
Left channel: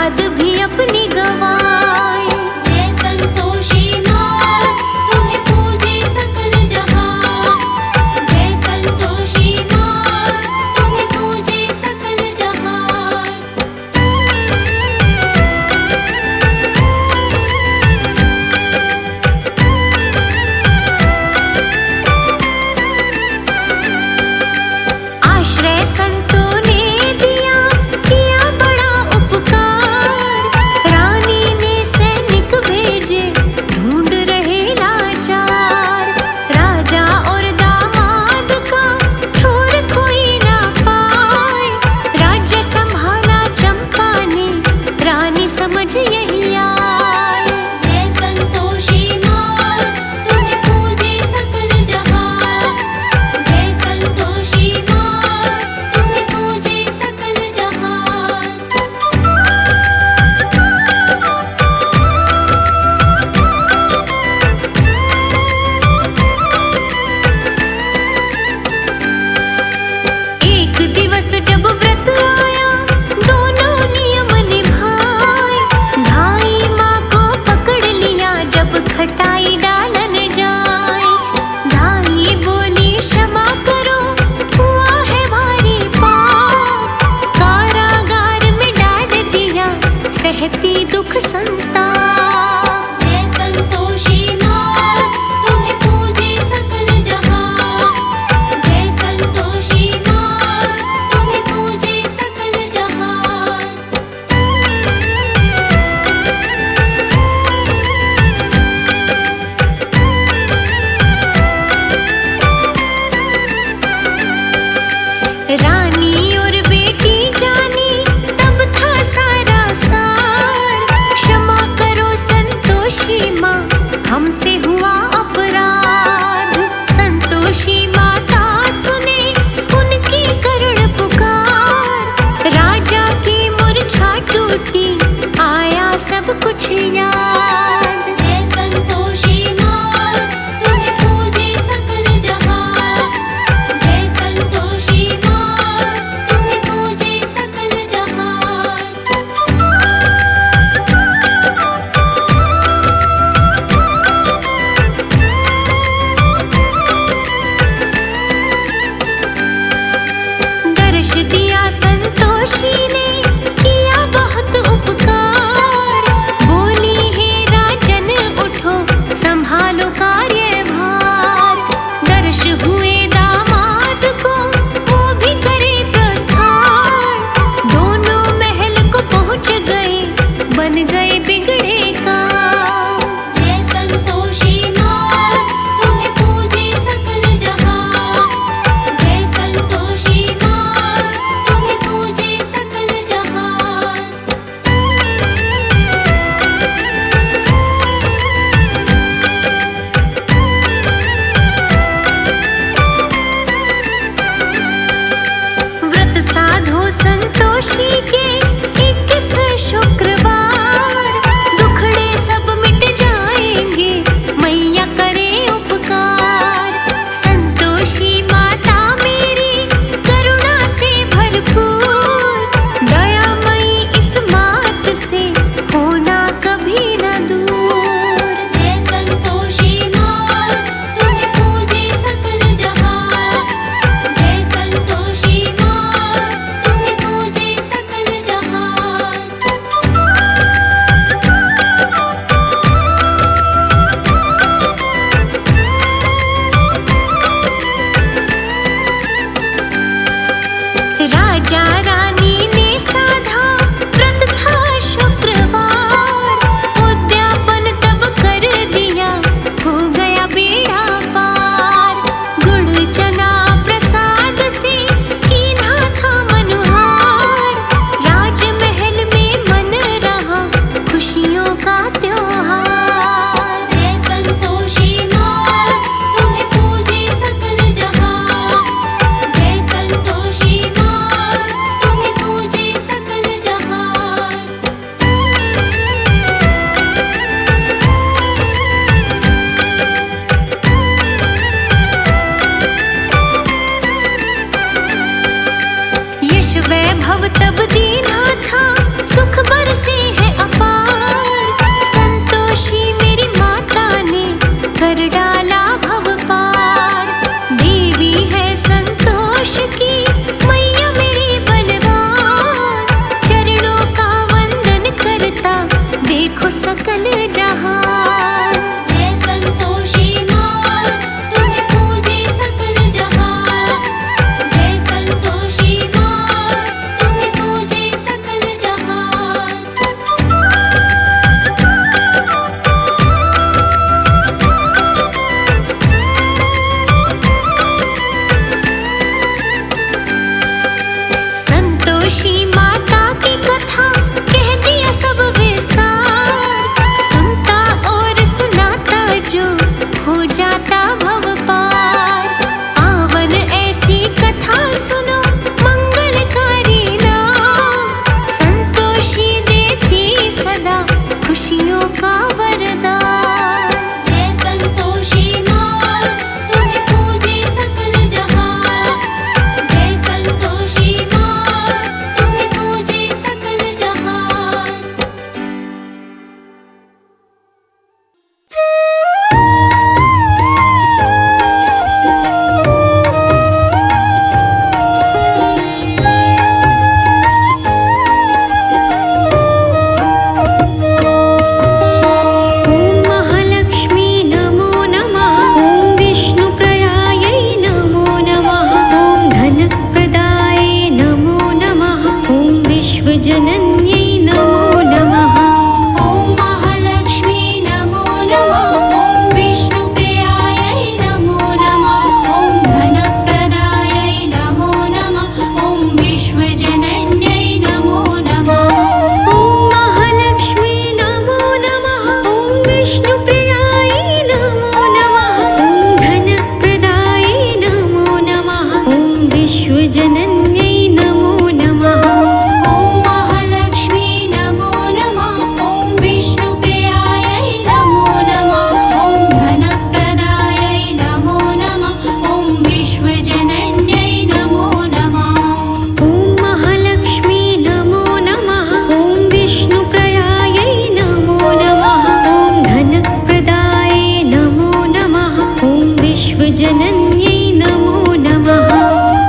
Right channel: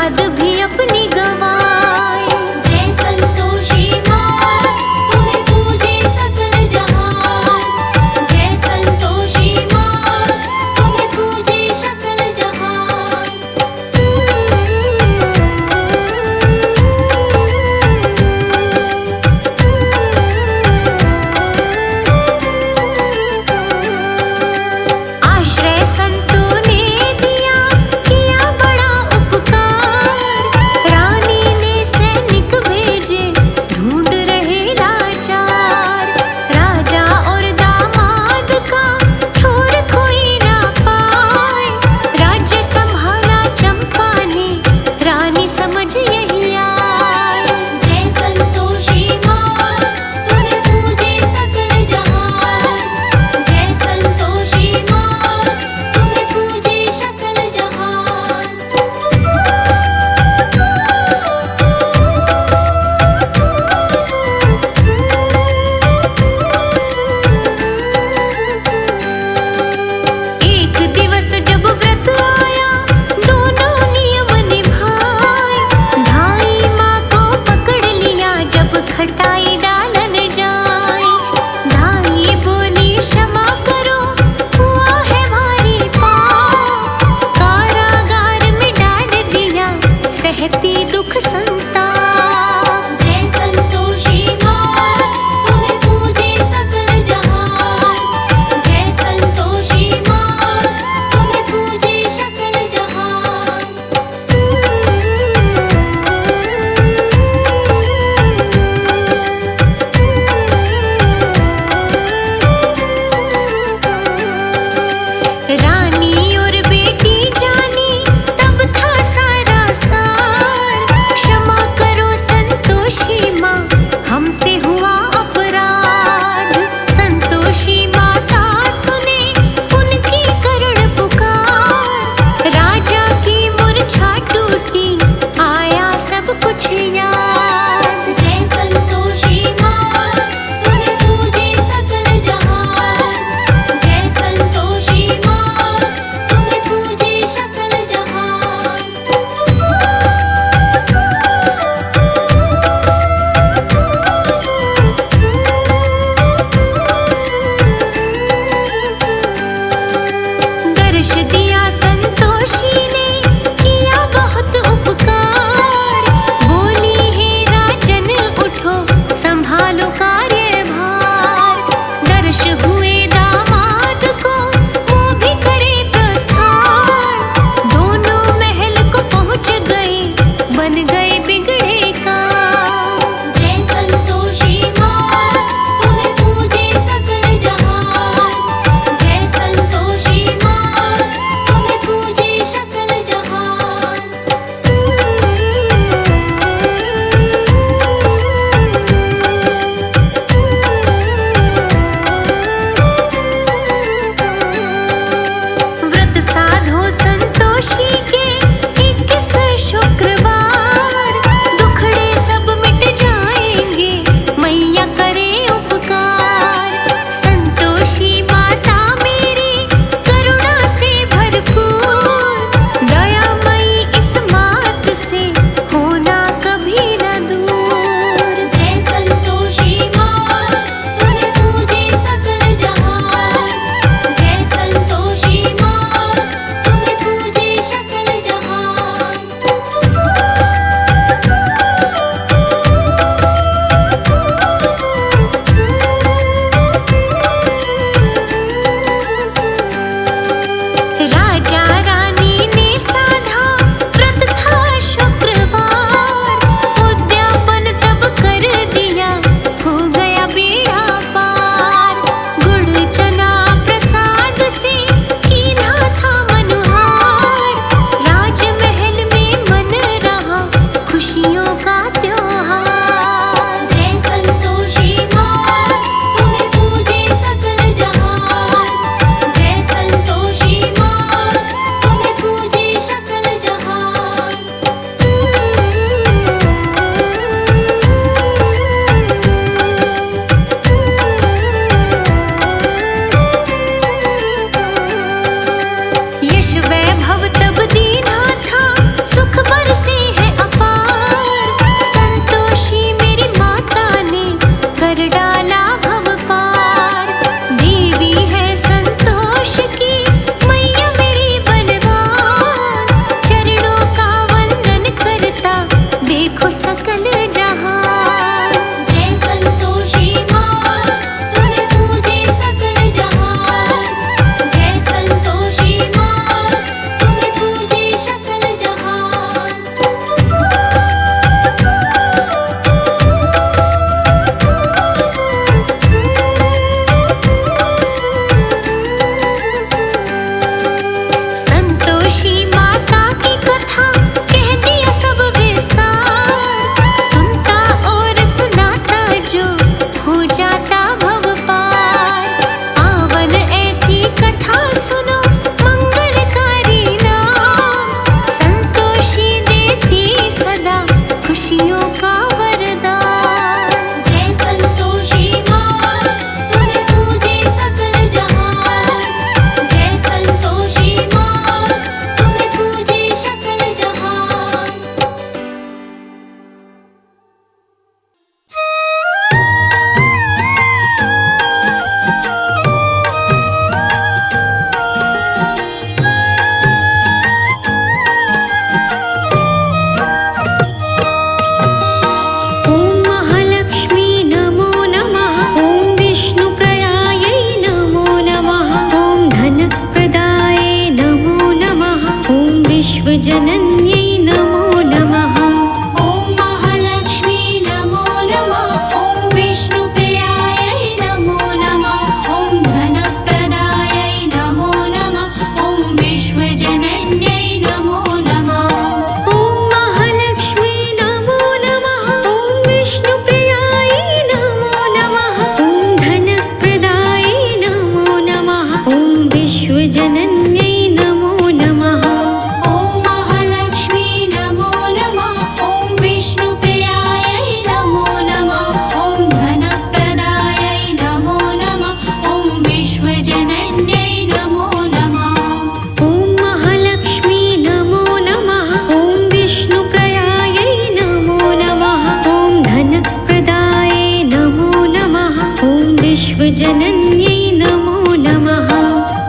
औलाद भी अपनी गवाए। जय संतोषी माँ तुम्हें पूजे सकल जहान। जय संतोषी माँ तुम्हें पूजे सकल जहान। आश्रय संतों ने दिया किया बड़ा उपकार। रानी ने सैनिक भेजे ढूंढ रहे लाचार। राजा और दामाद का ठोर कोई ना पाए। राज्य संभाला चंपा ने रानी समझ यही आए। जय संतोषी माँ तुम्हें पूजे सकल जहान। जय संतोषी माँ तुम्हें पूजे सकल जहान। एक दिवस जब व्रत आया दोनों नियम निभाए। धाई माँ को पकड़ लिया जब खटाई डालन जाए। धाई बोली क्षमा करो हुआ है भारी पाप। कारागार में डाल दिया सहती दुख संताप। जय संतोषी माँ तुम्हें पूजे सकल जहान। जय संतोषी माँ तुम्हें पूजे सकल जहान। रानी और बेटी जानी तब था सारा सार। क्षमा करो संतोषी माँ हमसे हुआ अपराध। संतोषी माता सुने उनकी करुण पुकार। राजा की मूर्छा टूटी आया सब कुछ याद। जय संतोषी माँ तुम्हें पूजे सकल जहान। जय संतोषी माँ तुम्हें पूजे सकल जहान। दर्श दिया संतोषी ने किया बहुत उपकार। बोली है राजन उठ विश्वजनन्यै नमो नमः। ॐ महालक्ष्मी नमो नमः। ॐ विष्णुप्रियायै नमो नमः। ॐ धनप्रदायै नमो नमः। ॐ विश्वजनन्यै नमो नमः। ॐ महालक्ष्मी नमो नमः। ॐ विष्णुप्रियायै नमो नमः। ॐ धनप्रदायै नमो नमः। ॐ विश्वजनन्यै नमो नमः। ॐ महालक्ष्मी नमो नमः। ॐ विष्णुप्रियायै नमो नमः। ॐ धनप्रदायै नमो नमः। ॐ विश्वजनन्यै नमो नमः। ॐ महालक्ष्मी नमो नमः। ॐ विष्णुप्रियायै नमो नमः। ॐ धनप्रदायै नमो नमः। ॐ विश्वजनन्यै नमो नमः।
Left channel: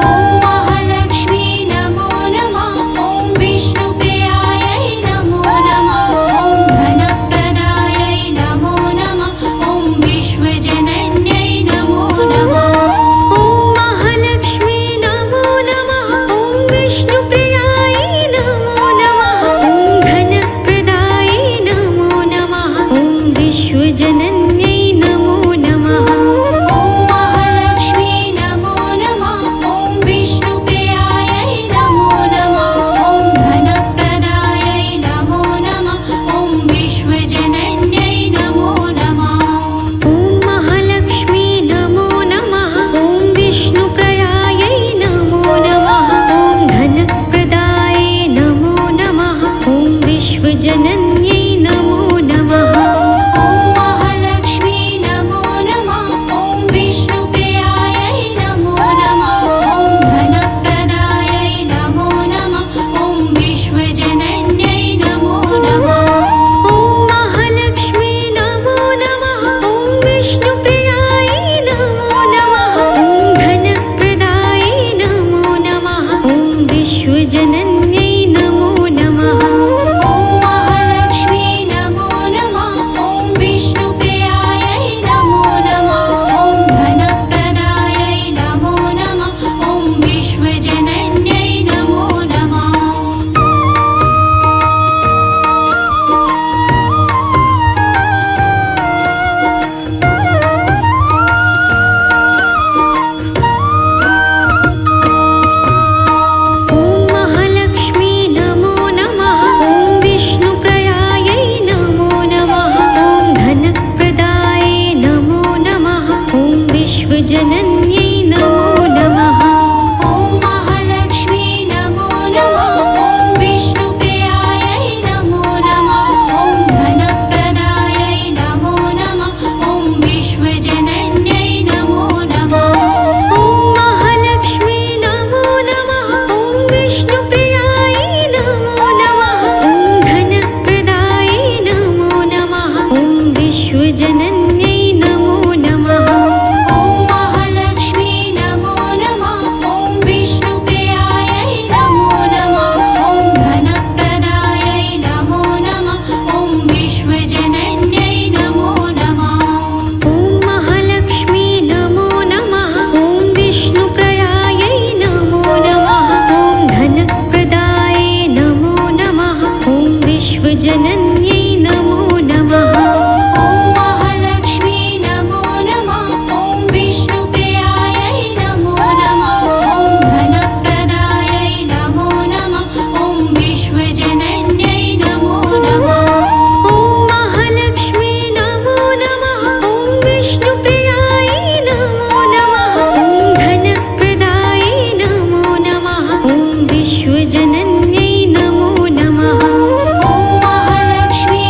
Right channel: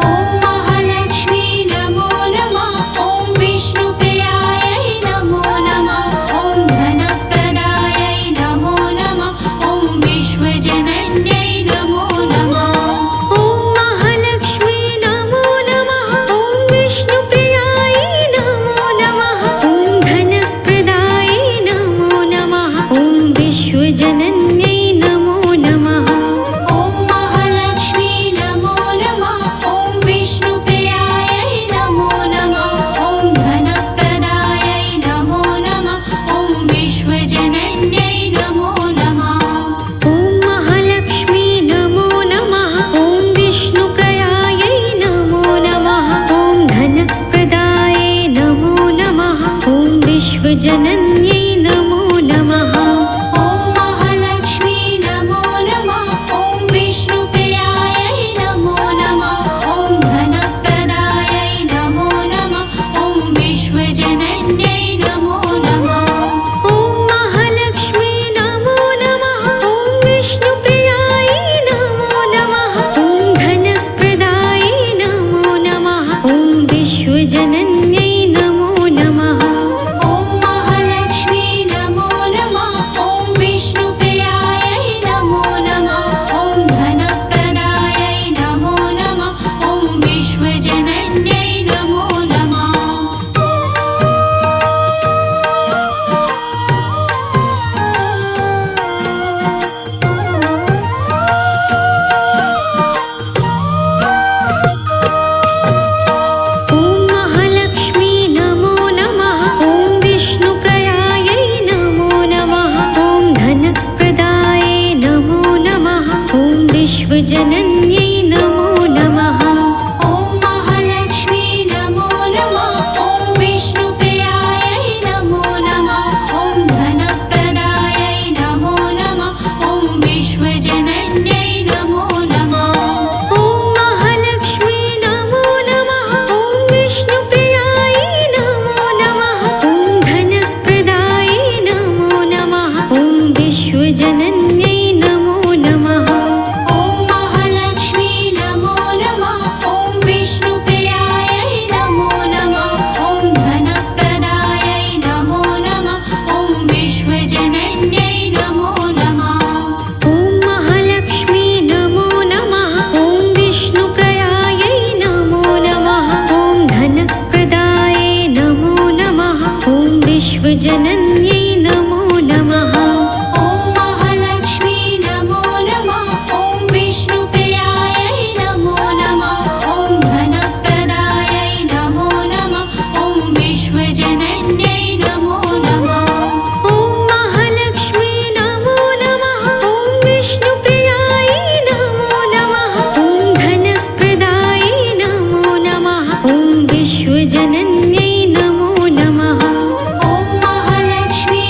ॐ महालक्ष्मी नमो नमः। ॐ विष्णुप्रियायै नमो नमः। ॐ धनप्रदायै नमो नमः। ॐ विश्वजनन्यै नमो नमः। ॐ महालक्ष्मी नमो नमः। ॐ विष्णुप्रियायै नमो नमः। ॐ धनप्रदायै नमो नमः। ॐ विश्वजनन्यै नमो नमः। ॐ महालक्ष्मी नमो नमः। ॐ विष्णुप्रियायै नमो नमः। ॐ धनप्रदायै नमो नमः। ॐ विश्वजनन्यै नमो नमः। ॐ महालक्ष्मी नमो नमः। ॐ विष्णुप्रियायै नमो नमः। ॐ धनप्रदायै नमो नमः। ॐ विश्वजनन्यै नमो नमः। ॐ महालक्ष्मी नमो नमः। ॐ विष्णुप्रियायै नमो नमः। ॐ धनप्रदायै नमो नमः। ॐ विश्वजनन्यै नमो नमः। ॐ महालक्ष्मी नमो नमः। ॐ विष्णुप्रियायै नमो नमः। ॐ धनप्रदायै नमो नमः। ॐ विश्वजनन्यै नमो नमः। ॐ महालक्ष्मी नमो नमः। ॐ विष्णुप्रियायै नमो नमः। ॐ धनप्रदायै नमो नमः। ॐ विश्वजनन्यै नमो नमः। ॐ महालक्ष्मी नमो नमः। ॐ विष्णुप्रियायै नमो नमः। ॐ धनप्रदायै नमो नमः। ॐ विश्वजनन्यै नमो नमः। ॐ महालक्ष्मी नमो नमः। ॐ विष्णुप्रियायै नमो नमः। ॐ धनप्रदायै नमो नमः। ॐ विश्वजनन्यै नमो नमः। ॐ महालक्ष्मी नमो नमः। ॐ विष्णुप्रियायै नमो नमः। ॐ धनप्रदायै नमो नमः। ॐ विश्वजनन्यै नमो नमः। ॐ महालक्ष्मी नमो नमः। ॐ विष्णुप्रियायै नमो नमः। ॐ धनप्रदायै नमो नमः। ॐ विश्वजनन्यै नमो नमः। ॐ महालक्ष्मी नमो नमः। ॐ विष्णुप्रियायै नमो नमः। ॐ धनप्रदायै नमो नमः। ॐ विश्वजनन्यै नमो नमः। ॐ महालक्ष्मी नमो नमः। ॐ विष्णुप्रियायै नमो नमः। ॐ धनप्रदायै नमो नमः। ॐ विश्वजनन्यै नमो नमः। ॐ महालक्ष्मी नमो नमः। ॐ विष्णुप्रियायै नमो नमः। ॐ धनप्रदायै नमो नमः। ॐ विश्वजनन्यै नमो नमः। ॐ महालक्ष्मी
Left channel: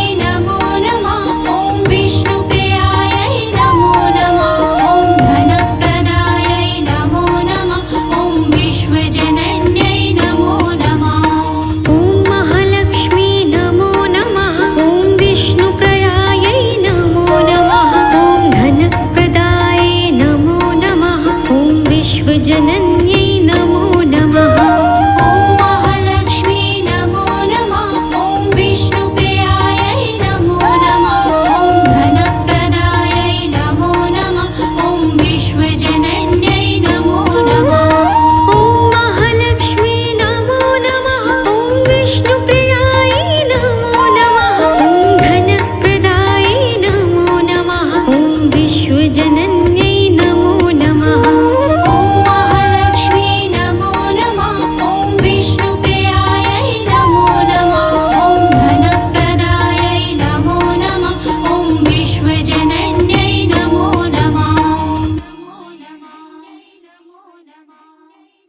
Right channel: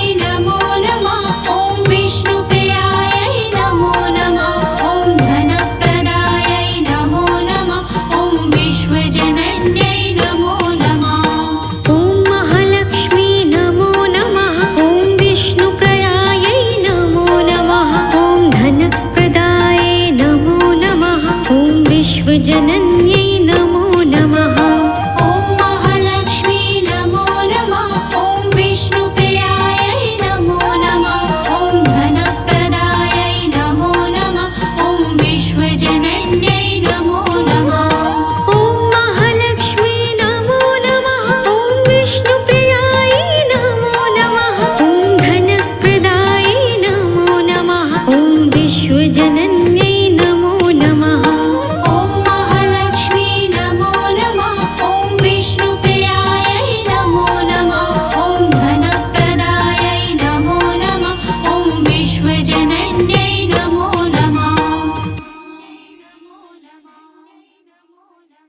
विश्वजननी